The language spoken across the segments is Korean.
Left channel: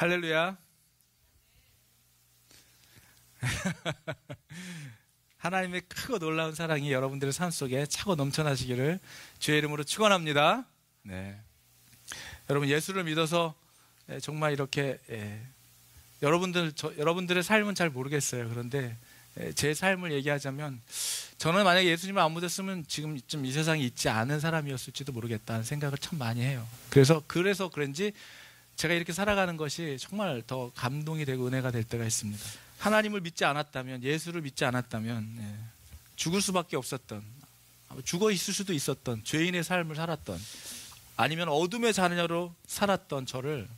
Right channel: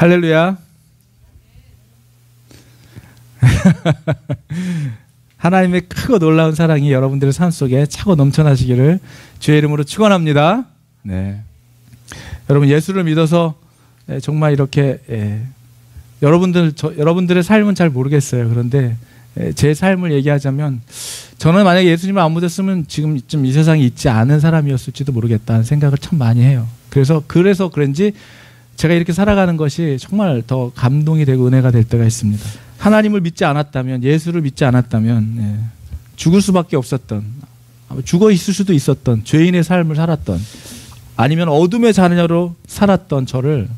할렐루야. 하나님의 크고 놀라운 사랑이 여러분들의 삶 속에 차고 넘쳐나시기를 주의 이름으로 축원합니다. 네. 여러분, 예수를 믿어서 정말 이렇게 여러분들의 삶은 잘 모르겠어요. 그런데 제 삶을 얘기하자면, 저는 만약에 예수님을 안 믿었으면 지금쯤 이 세상에 있지 않은 사람이었을지도 모르겠다는 생각을 참 많이 해요. 그래서 그런지 제가 이렇게 살아가는 것이 정말 더 감동이 되고 은혜가 될 때가 있습니다. 하나님을 믿지 않았다면, 예수를 믿지 않았다면 죽을 수밖에 없었던, 죽어 있을 수도 있었던 죄인의 삶을 살았던, 아니면 어둠의 자녀로 살았던 저를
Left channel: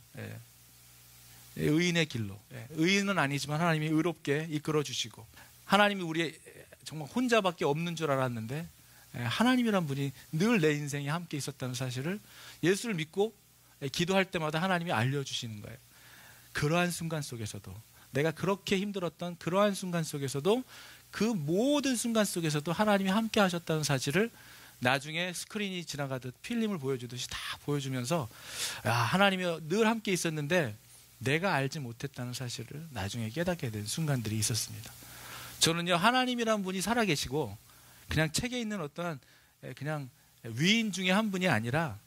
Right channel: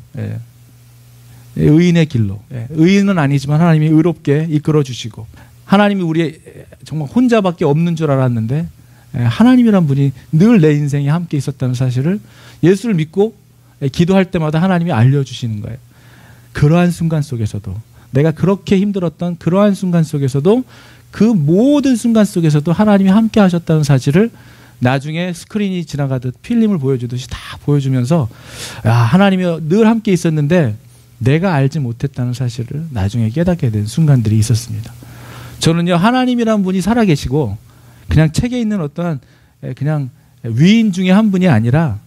의인의 길로, 의인은 아니지만 하나님이 의롭게 이끌어 주시고, 하나님이 우리 정말 혼자밖에 없는 줄 알았는데 하나님이란 분이 늘 내 인생에 함께 있었다는 사실을 예수를 믿고 기도할 때마다 하나님이 알려주시는 거예요. 그러한 순간 속에서도, 내가 그렇게 힘들었던 그러한 순간 속에서도, 그 모든 순간 속에서도 하나님이 함께 하셨다는 사실을 나중에 스크린이 지나가듯 필름을 보여주듯이 다 보여주면서, 하나님이 늘 함께 있었는데 내가 알지 못했다는 사실을 나중에 깨닫게 된 순간들이 있었습니다. 저는요, 하나님이란 분이 살아계시고 그냥 책에 있는 어떠한 그냥 위인 중에 한 분이 아니라,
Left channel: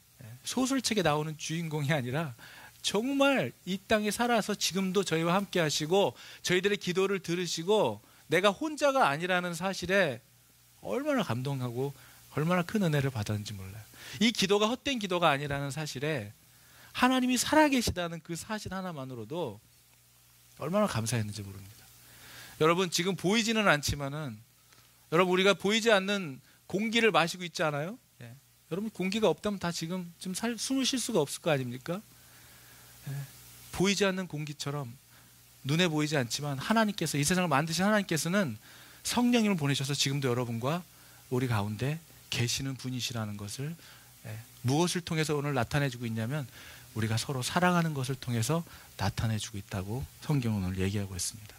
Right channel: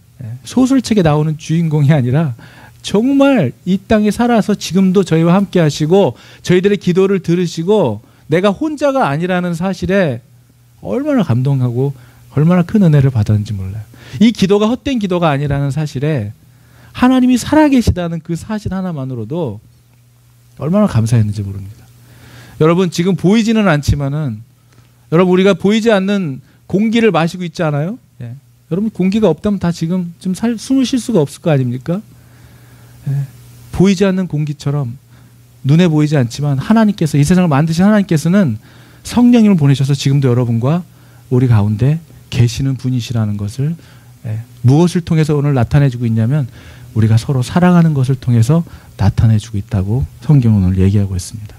소설책에 나오는 주인공이 아니라 정말 이 땅에 살아서 지금도 저희와 함께 하시고 저희들의 기도를 들으시고 내가 혼자가 아니라는 사실에 얼마나 감동하고 얼마나 큰 은혜를 받았는지 몰라요. 이 기도가 헛된 기도가 아니라는 사실에 하나님이 살아계시다는 그 사실 하나만으로도 얼마나 감사했는지 모릅니다. 여러분, 지금 보이지는 않지만은, 여러분, 우리가 보이지 않는 공기를 마시고 있지 않아요? 여러분, 공기가 없다면 다 지금 좀 숨을 쉴 수가 없을 거 아닙니까? 보이지 않는 공기처럼 눈에 보이지 않지만 하나님께서, 이 세상을 만드신 하나님께서는 성령님을 보내셔서 지금도 여러분과 우리 가운데 계시는 분이시라는 것을 무엇을 통해서 오늘 나타내주고 있냐면, 우리가 서로 사랑하는 것을 통해서 나타내주고 있다고 성경은 오늘 얘기하고 있습니다.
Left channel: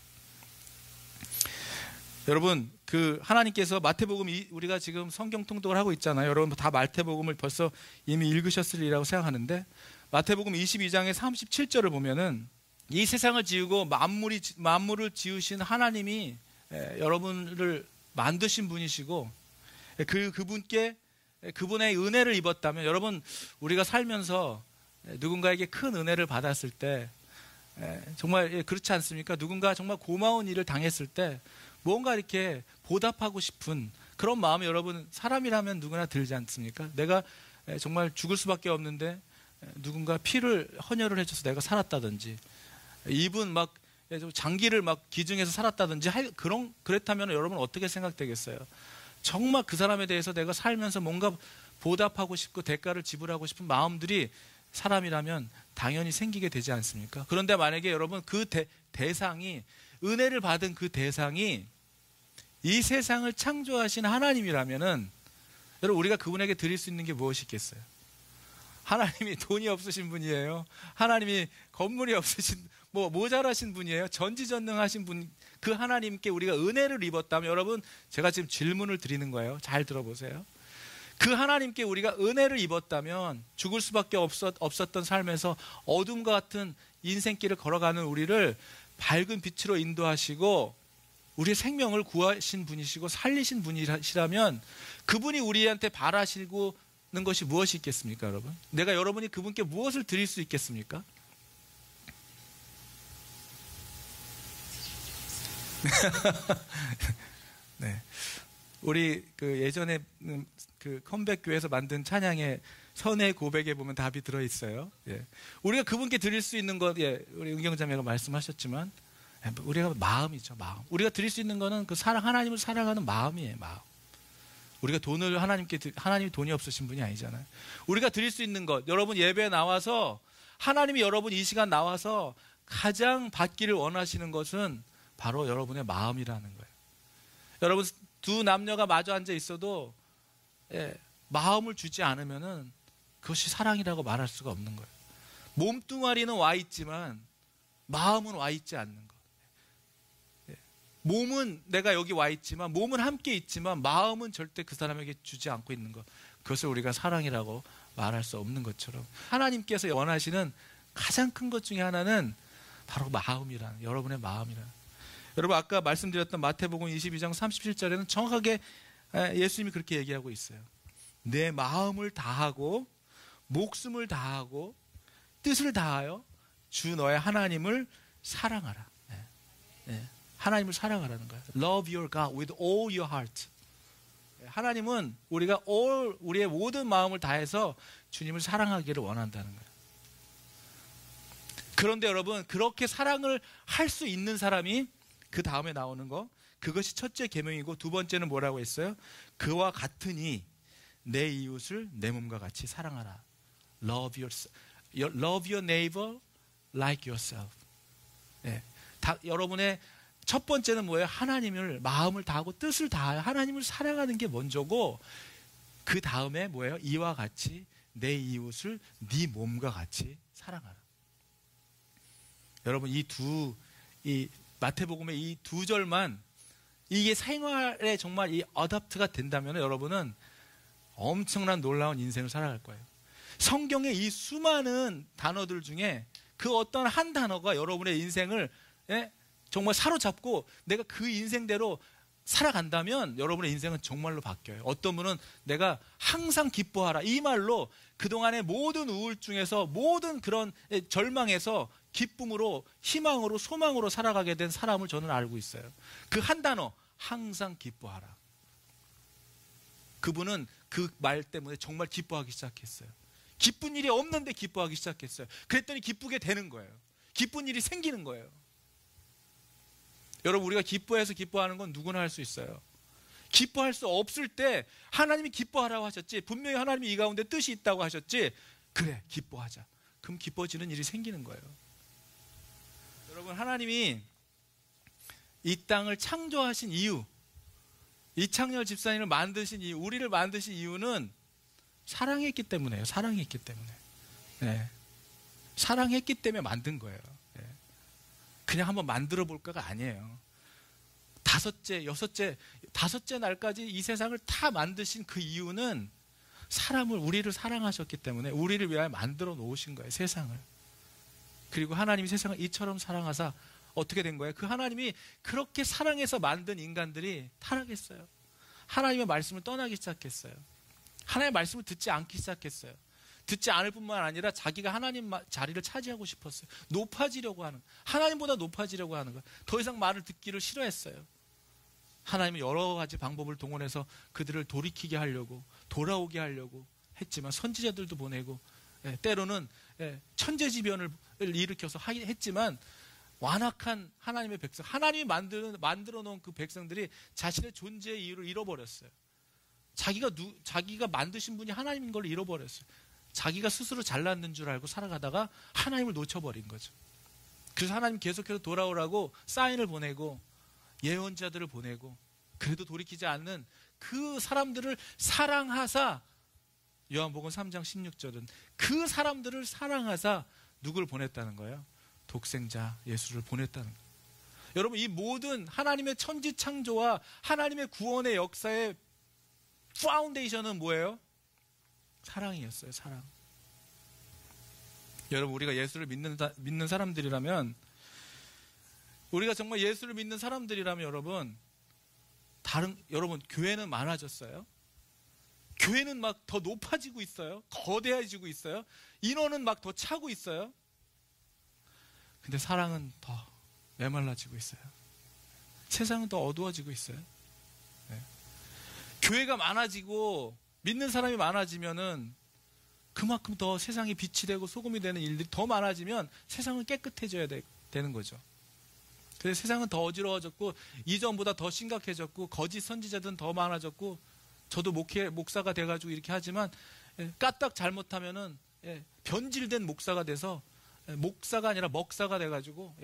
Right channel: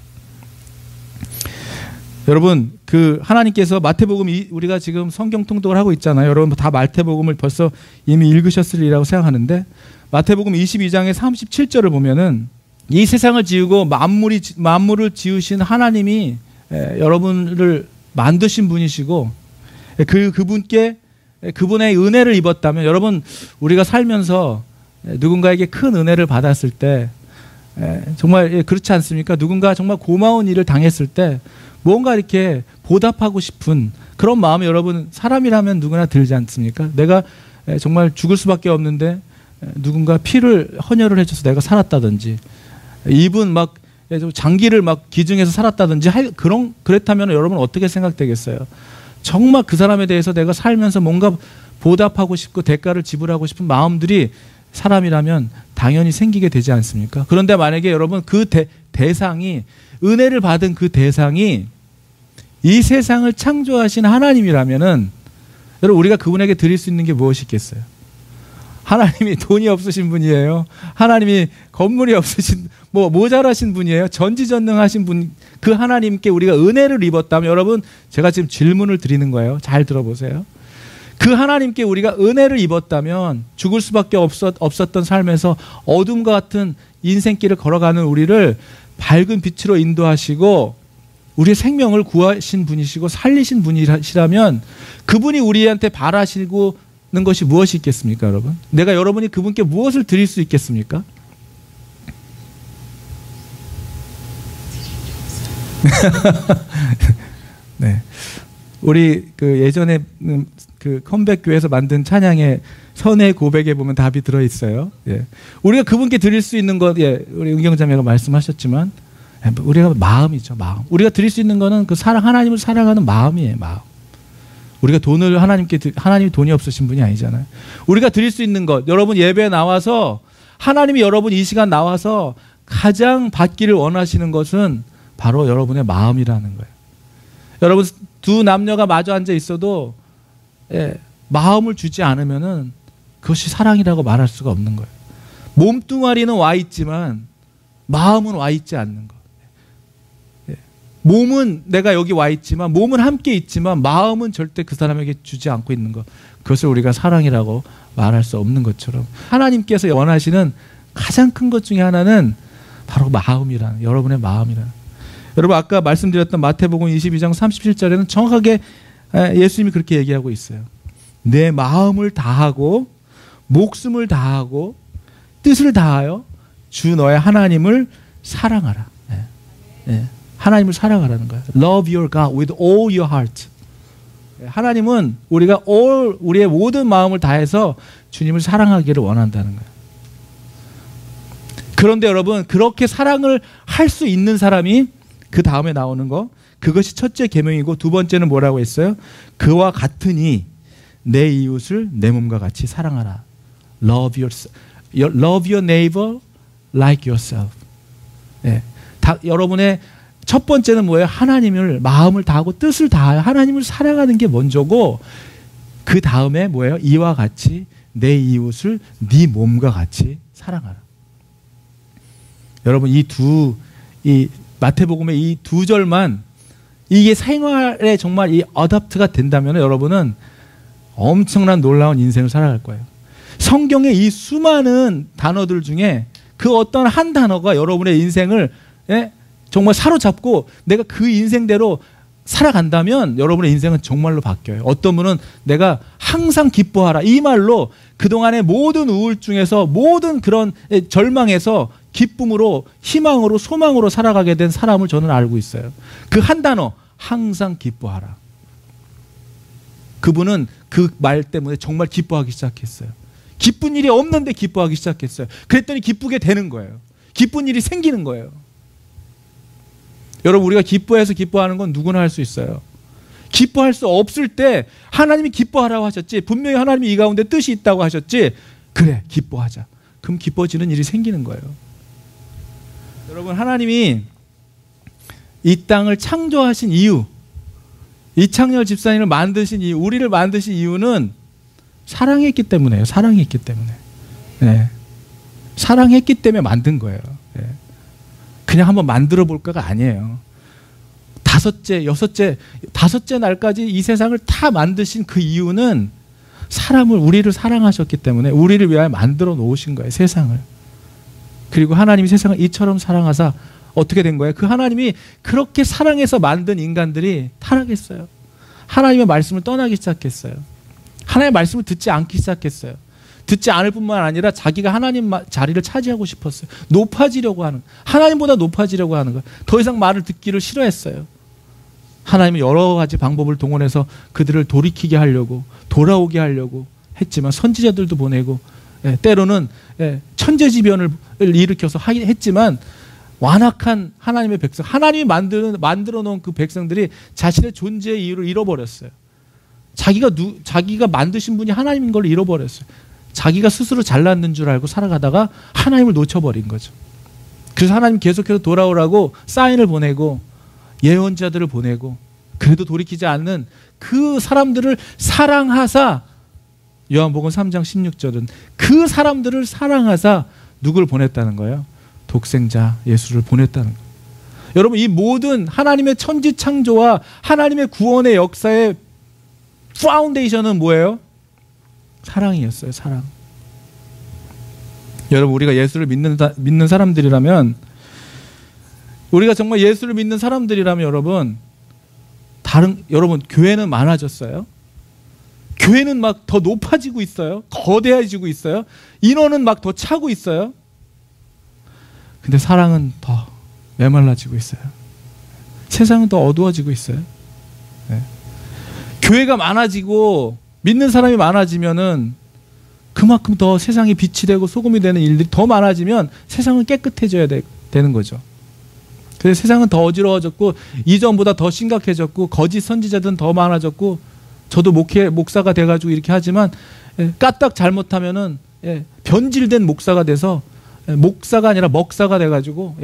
여러분, 그 하나님께서 마태복음, 우리가 지금 성경 통독을 하고 있잖아요. 여러분 다 마태복음을 벌써 이미 읽으셨으리라고 생각하는데, 마태복음 22장의 37절을 보면은 이 세상을 지으고 만물을 지으신 하나님이 여러분을 만드신 분이시고, 그분의 은혜를 입었다면, 여러분, 우리가 살면서 누군가에게 큰 은혜를 받았을 때, 정말 그렇지 않습니까? 누군가 정말 고마운 일을 당했을 때 뭔가 이렇게 보답하고 싶은 그런 마음이, 여러분, 사람이라면 누구나 들지 않습니까? 내가 정말 죽을 수밖에 없는데 누군가 피를 헌혈을 해줘서 내가 살았다든지, 입은 막 장기를 막 기증해서 살았다든지, 그랬다면 여러분 어떻게 생각되겠어요? 정말 그 사람에 대해서 내가 살면서 뭔가 보답하고 싶고 대가를 지불하고 싶은 마음들이 사람이라면 당연히 생기게 되지 않습니까? 그런데 만약에 여러분, 그 대상이, 은혜를 받은 그 대상이 이 세상을 창조하신 하나님이라면은, 여러분, 우리가 그분에게 드릴 수 있는 게 무엇이 있겠어요? 하나님이 돈이 없으신 분이에요? 하나님이 건물이 없으신, 모자라신 분이에요? 전지전능하신 분, 그 하나님께 우리가 은혜를 입었다면, 여러분, 제가 지금 질문을 드리는 거예요. 잘 들어보세요. 그 하나님께 우리가 은혜를 입었다면 죽을 수밖에 없었던 삶에서 어둠과 같은 인생길을 걸어가는 우리를 밝은 빛으로 인도하시고 우리의 생명을 구하신 분이시고 살리신 분이시라면, 그분이 우리한테 바라시는 것이 무엇이 있겠습니까, 여러분? 내가 여러분이 그분께 무엇을 드릴 수 있겠습니까? 네. 우리 그 예전에 그 컴백 교회에서 만든 찬양의 선의 고백에 보면 답이 들어 있어요. 우리가 그분께 드릴 수 있는 것, 우리 은경자매가 말씀하셨지만, 우리가 마음이죠, 마음. 우리가 드릴 수 있는 것은 그 하나님을 사랑하는 마음이에요, 마음. 우리가 하나님이 돈이 없으신 분이 아니잖아요. 우리가 드릴 수 있는 것, 여러분 예배에 나와서 하나님이 여러분 이 시간 나와서 가장 받기를 원하시는 것은 바로 여러분의 마음이라는 거예요. 여러분, 두 남녀가 마주 앉아 있어도 마음을 주지 않으면은 그것이 사랑이라고 말할 수가 없는 거예요. 몸뚱아리는 와 있지만 마음은 와 있지 않는 것. 몸은 내가 여기 와 있지만, 몸은 함께 있지만 마음은 절대 그 사람에게 주지 않고 있는 것, 그것을 우리가 사랑이라고 말할 수 없는 것처럼, 하나님께서 원하시는 가장 큰 것 중에 하나는 바로 마음이란, 여러분의 마음이란. 여러분 아까 말씀드렸던 마태복음 22장 37절에는 정확하게 예수님이 그렇게 얘기하고 있어요. 내 마음을 다하고 목숨을 다하고 뜻을 다하여 주 너의 하나님을 사랑하라. 하나님을 사랑하라는 거예요. Love your God with all your heart. 하나님은 우리가 우리의 모든 마음을 다해서 주님을 사랑하기를 원한다는 거예요. 그런데 여러분 그렇게 사랑을 할 수 있는 사람이 그 다음에 나오는 거, 그것이 첫째 계명이고 두 번째는 뭐라고 했어요? 그와 같으니 내 이웃을 내 몸과 같이 사랑하라. Love your neighbor like yourself. 여러분의 첫 번째는 뭐예요? 하나님을 마음을 다하고 뜻을 다하여 하나님을 사랑하는 게 먼저고, 그 다음에 뭐예요? 이와 같이 내 이웃을 네 몸과 같이 사랑하라. 여러분 이 마태복음의 이 두 절만 이게 생활에 정말 이 어답트가 된다면 여러분은 엄청난 놀라운 인생을 살아갈 거예요. 성경의 이 수많은 단어들 중에 그 어떤 한 단어가 여러분의 인생을 정말 사로잡고 내가 그 인생대로 살아간다면 여러분의 인생은 정말로 바뀌어요. 어떤 분은 내가 항상 기뻐하라, 이 말로 그동안의 모든 우울증에서 모든 그런 절망에서 기쁨으로, 희망으로, 소망으로 살아가게 된 사람을 저는 알고 있어요. 그 한 단어, 항상 기뻐하라. 그분은 그 말 때문에 정말 기뻐하기 시작했어요. 기쁜 일이 없는데 기뻐하기 시작했어요. 그랬더니 기쁘게 되는 거예요. 기쁜 일이 생기는 거예요. 여러분 우리가 기뻐해서 기뻐하는 건 누구나 할 수 있어요. 기뻐할 수 없을 때 하나님이 기뻐하라고 하셨지, 분명히 하나님이 이 가운데 뜻이 있다고 하셨지, 그래 기뻐하자. 그럼 기뻐지는 일이 생기는 거예요. 여러분 하나님이 이 땅을 창조하신 이유, 이창렬 집사님을 만드신 이유, 우리를 만드신 이유는 사랑했기 때문에요. 사랑했기 때문에. 사랑했기 때문에 만든 거예요. 그냥 한번 만들어 볼까가 아니에요. 다섯째 날까지 이 세상을 다 만드신 그 이유는 우리를 사랑하셨기 때문에 우리를 위하여 만들어 놓으신 거예요. 세상을. 그리고 하나님이 세상을 이처럼 사랑하사 어떻게 된 거예요? 그 하나님이 그렇게 사랑해서 만든 인간들이 타락했어요. 하나님의 말씀을 떠나기 시작했어요. 하나님의 말씀을 듣지 않기 시작했어요. 듣지 않을 뿐만 아니라 자기가 하나님 자리를 차지하고 싶었어요. 높아지려고 하는, 하나님보다 높아지려고 하는 거예요. 더 이상 말을 듣기를 싫어했어요. 하나님은 여러 가지 방법을 동원해서 그들을 돌이키게 하려고, 돌아오게 하려고 했지만, 선지자들도 보내고, 때로는 천재지변을 일으켜서 했지만, 완악한 하나님의 백성, 하나님이 만들어 놓은 그 백성들이 자신의 존재의 이유를 잃어버렸어요. 자기가 만드신 분이 하나님인 걸 잃어버렸어요. 자기가 스스로 잘났는 줄 알고 살아가다가 하나님을 놓쳐버린 거죠. 그래서 하나님 계속해서 돌아오라고 사인을 보내고 예언자들을 보내고, 그래도 돌이키지 않는 그 사람들을 사랑하사, 요한복음 3장 16절은 그 사람들을 사랑하사 누구를 보냈다는 거예요? 독생자 예수를 보냈다는 거예요. 여러분 이 모든 하나님의 천지창조와 하나님의 구원의 역사의 파운데이션은 뭐예요? 사랑이었어요. 사랑. 여러분 우리가 예수를 믿는 사람들이라면, 우리가 정말 예수를 믿는 사람들이라면 여러분 교회는 많아졌어요. 교회는 막 더 높아지고 있어요. 거대해지고 있어요. 인원은 막 더 차고 있어요. 근데 사랑은 더 메말라지고 있어요. 세상은 더 어두워지고 있어요. 교회가 많아지고 믿는 사람이 많아지면은 그만큼 더 세상이 빛이 되고 소금이 되는 일들이 더 많아지면 세상은 깨끗해져야 되는 거죠. 그래서 세상은 더 어지러워졌고 이전보다 더 심각해졌고 거짓 선지자들은 더 많아졌고, 저도 목사가 돼가지고 이렇게 하지만 까딱 잘못하면은 변질된 목사가 돼서 목사가 아니라 먹사가 돼가지고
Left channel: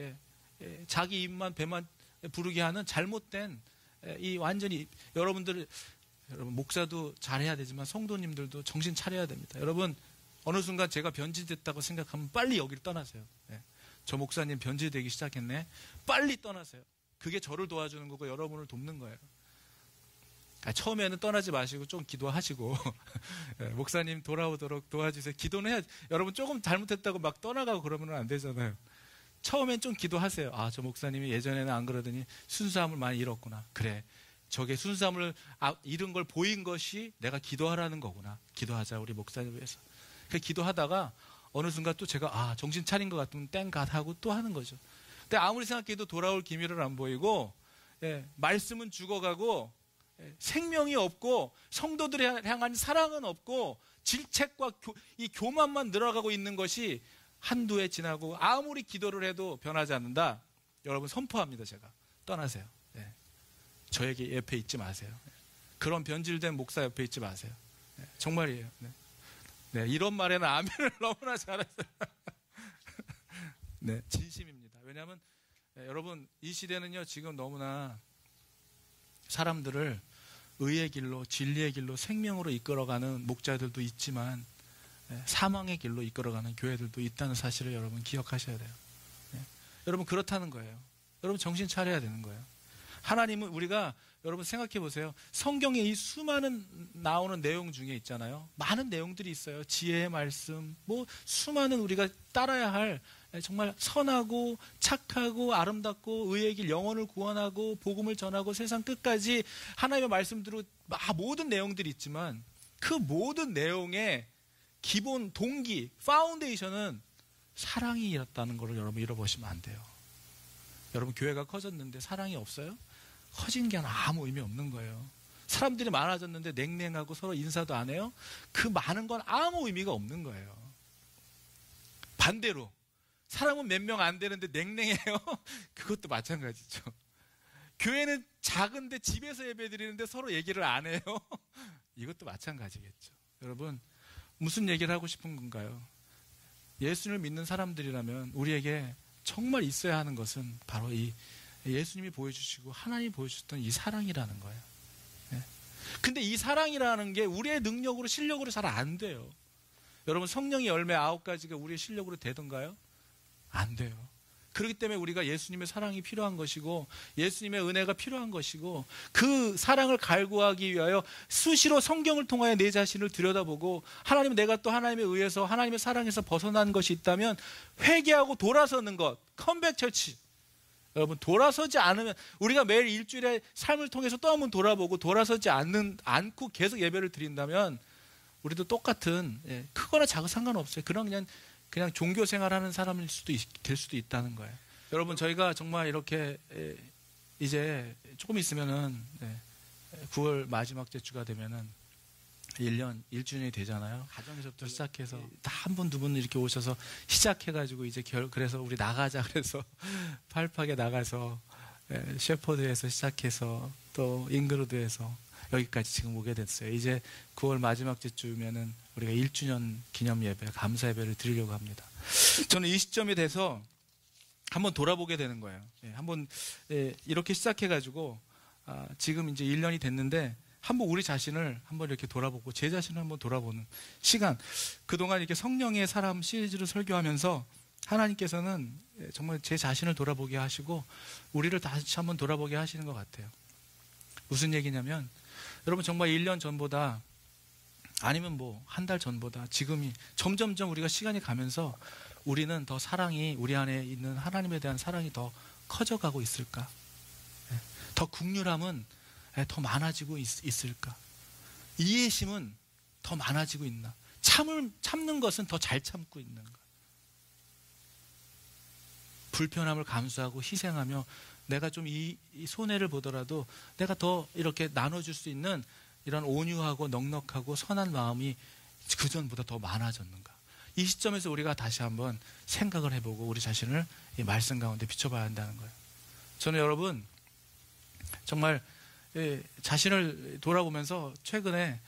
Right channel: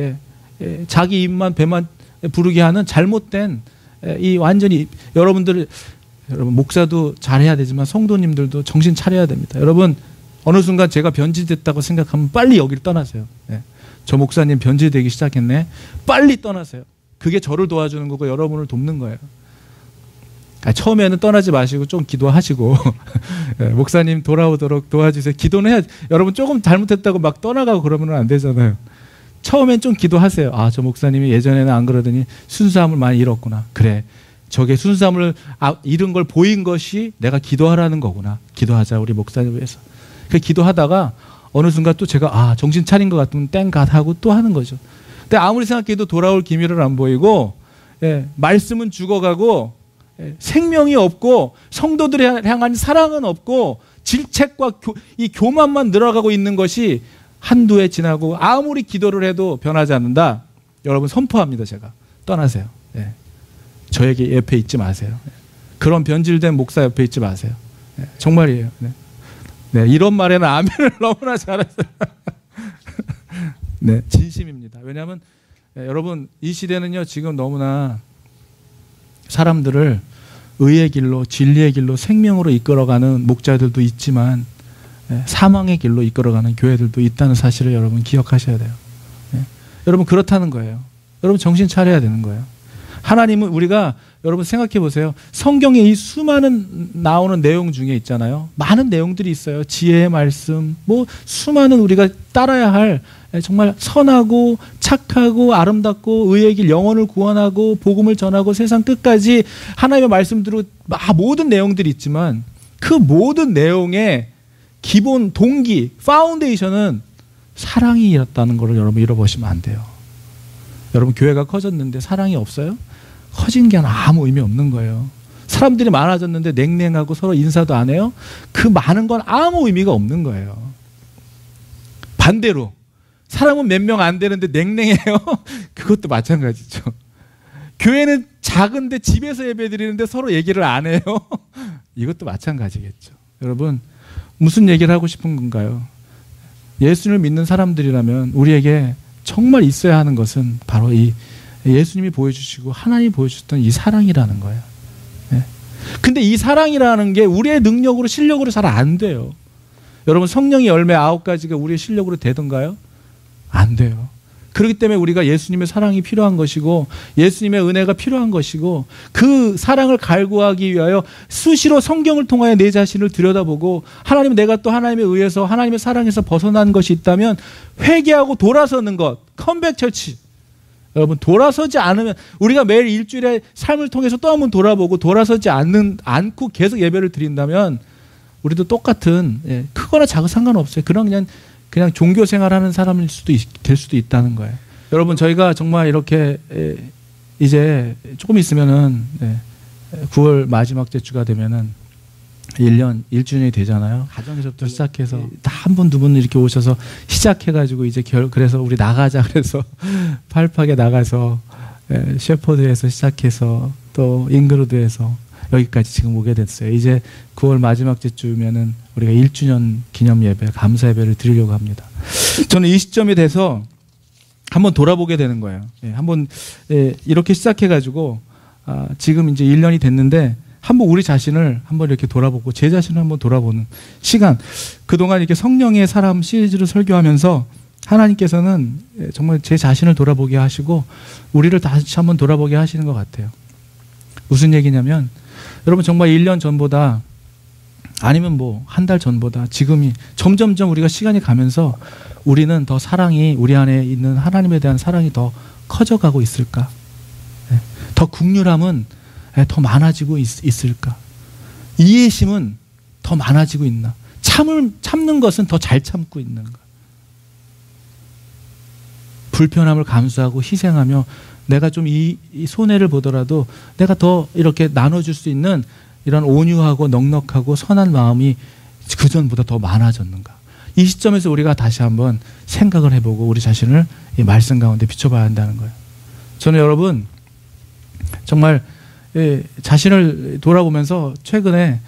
자기 입만 배만 부르게 하는 잘못된 이 완전히 여러분 목사도 잘해야 되지만 성도님들도 정신 차려야 됩니다. 여러분 어느 순간 제가 변질됐다고 생각하면 빨리 여기를 떠나세요. 저 목사님 변질되기 시작했네. 빨리 떠나세요. 그게 저를 도와주는 거고 여러분을 돕는 거예요. 처음에는 떠나지 마시고 좀 기도하시고 목사님 돌아오도록 도와주세요. 기도는 해야, 여러분 조금 잘못했다고 막 떠나가고 그러면 안 되잖아요. 처음엔 좀 기도하세요. 아, 저 목사님이 예전에는 안 그러더니 순수함을 많이 잃었구나. 그래, 저게 순수함을 잃은 걸 보인 것이 내가 기도하라는 거구나. 기도하자, 우리 목사님을 위해서. 그 기도하다가 어느 순간 또 제가 정신 차린 것 같으면 땡갓 하고 또 하는 거죠. 근데 아무리 생각해도 돌아올 기미를 안 보이고, 말씀은 죽어가고, 생명이 없고, 성도들을 향한 사랑은 없고, 질책과 이 교만만 늘어가고 있는 것이 한두 해 지나고 아무리 기도를 해도 변하지 않는다. 여러분 선포합니다. 제가 떠나세요. 저에게 옆에 있지 마세요. 그런 변질된 목사 옆에 있지 마세요. 정말이에요. 이런 말에는 아멘을 너무나 잘했어요. 네, 진심입니다. 왜냐하면 여러분 이 시대는요 지금 너무나 사람들을 의의 길로, 진리의 길로, 생명으로 이끌어가는 목자들도 있지만 사망의 길로 이끌어가는 교회들도 있다는 사실을 여러분 기억하셔야 돼요. 여러분 그렇다는 거예요. 여러분 정신 차려야 되는 거예요. 하나님은 우리가 여러분 생각해 보세요. 성경에 이 수많은 나오는 내용 중에 있잖아요. 많은 내용들이 있어요. 지혜의 말씀, 뭐 수많은 우리가 따라야 할 정말 선하고 착하고 아름답고 의의 길, 영혼을 구원하고 복음을 전하고 세상 끝까지 하나님의 말씀대로 모든 내용들이 있지만 그 모든 내용의 기본 동기, 파운데이션은 사랑이었다는 것을 여러분 잃어버리시면 안 돼요. 여러분 교회가 커졌는데 사랑이 없어요? 커진 게 아무 의미 없는 거예요. 사람들이 많아졌는데 냉랭하고 서로 인사도 안 해요? 그 많은 건 아무 의미가 없는 거예요. 반대로 사람은 몇 명 안 되는데 냉랭해요? 그것도 마찬가지죠. 교회는 작은데 집에서 예배드리는데 서로 얘기를 안 해요? 이것도 마찬가지겠죠. 여러분 무슨 얘기를 하고 싶은 건가요? 예수님을 믿는 사람들이라면 우리에게 정말 있어야 하는 것은 바로 이 예수님이 보여주시고 하나님이 보여주셨던 이 사랑이라는 거예요. 근데 이 사랑이라는 게 우리의 능력으로 실력으로 잘 안 돼요. 여러분 성령의 열매 9가지가 우리의 실력으로 되던가요? 안 돼요. 그렇기 때문에 우리가 예수님의 사랑이 필요한 것이고 예수님의 은혜가 필요한 것이고 그 사랑을 갈구하기 위하여 수시로 성경을 통하여 내 자신을 들여다보고 하나님 내가 또 하나님에 의해서 하나님의 사랑에서 벗어난 것이 있다면 회개하고 돌아서는 것, 컴백 처치. 여러분 돌아서지 않으면 우리가 매일 일주일에 삶을 통해서 또 한번 돌아보고 돌아서지 않고 계속 예배를 드린다면 우리도 똑같은 크거나 작은 상관없어요. 그냥 종교 생활하는 사람일 될 수도 있다는 거예요. 여러분 저희가 정말 이렇게 이제 조금 있으면은 9월 마지막 주가 되면은 1년 1주년이 되잖아요. 가정에서부터 시작해서 다 한 분 두 분 이렇게 오셔서 시작해가지고 이제 그래서 우리 나가자 그래서 팔팍에 나가서 셰퍼드에서 시작해서 또 잉그로드에서 여기까지 지금 오게 됐어요. 이제 9월 마지막 주면은 우리가 1주년 기념 예배, 감사 예배를 드리려고 합니다. 저는 이 시점이 돼서 한번 돌아보게 되는 거예요. 한번 이렇게 시작해가지고 지금 이제 1년이 됐는데 한번 우리 자신을 한번 이렇게 돌아보고 제 자신을 한번 돌아보는 시간. 그동안 이렇게 성령의 사람 시리즈를 설교하면서 하나님께서는 정말 제 자신을 돌아보게 하시고 우리를 다시 한번 돌아보게 하시는 것 같아요. 무슨 얘기냐면 여러분 정말 1년 전보다 아니면 뭐 한 달 전보다 지금이 점점점 우리가 시간이 가면서 우리는 더 사랑이 우리 안에 있는 하나님에 대한 사랑이 더 커져가고 있을까? 더 긍휼함은 더 많아지고 있을까? 이해심은 더 많아지고 있나? 참는 것은 더 잘 참고 있는가? 불편함을 감수하고 희생하며 내가 좀 이 손해를 보더라도 내가 더 이렇게 나눠줄 수 있는 이런 온유하고 넉넉하고 선한 마음이 그전보다 더 많아졌는가? 이 시점에서 우리가 다시 한번 생각을 해보고 우리 자신을 이 말씀 가운데 비춰봐야 한다는 거예요. 저는 여러분 정말 자신을 돌아보면서 최근에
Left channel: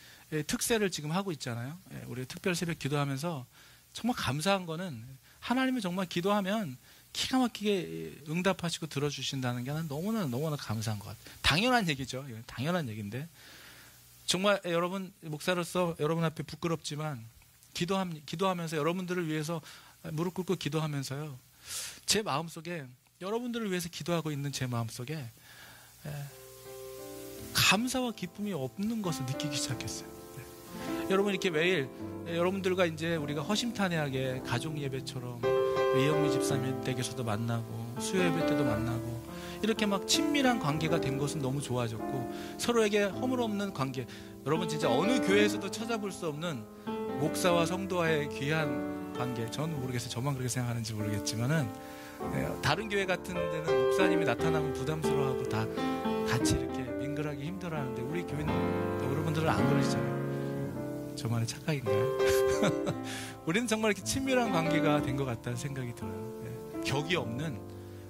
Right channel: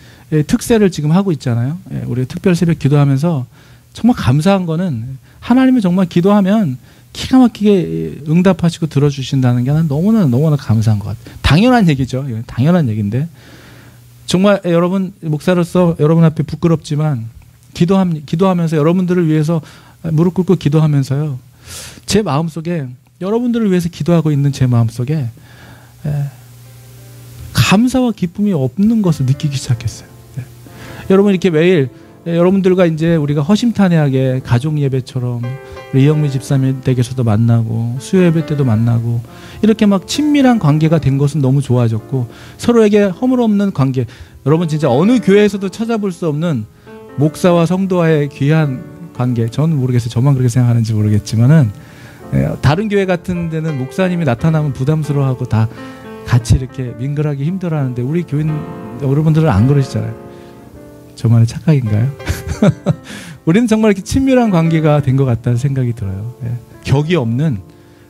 특세를 지금 하고 있잖아요. 우리 특별 새벽 기도하면서 정말 감사한 거는 하나님은 정말 기도하면 기가 막히게 응답하시고 들어주신다는 게 난 너무나 감사한 것 같아요. 당연한 얘기죠. 당연한 얘기인데 정말 여러분 목사로서 여러분 앞에 부끄럽지만 기도하면서 여러분들을 위해서 무릎 꿇고 기도하면서요. 제 마음속에 여러분들을 위해서 기도하고 있는 제 마음속에 감사와 기쁨이 없는 것을 느끼기 시작했어요. 여러분 이렇게 매일 여러분들과 이제 우리가 허심탄회하게 가족 예배처럼 이영미 집사님 댁에서도 만나고 수요 예배 때도 만나고 이렇게 막 친밀한 관계가 된 것은 너무 좋아졌고, 서로에게 허물없는 관계, 여러분 진짜 어느 교회에서도 찾아볼 수 없는 목사와 성도와의 귀한 관계. 저는 모르겠어요. 저만 그렇게 생각하는지 모르겠지만은 다른 교회 같은 데는 목사님이 나타나면 부담스러워하고 다 같이 이렇게 민글하기 힘들어하는데 우리 교인 여러분들은 안 그러시잖아요. 저만의 착각인가요? 우리는 정말 이렇게 친밀한 관계가 된 것 같다는 생각이 들어요. 격이 없는.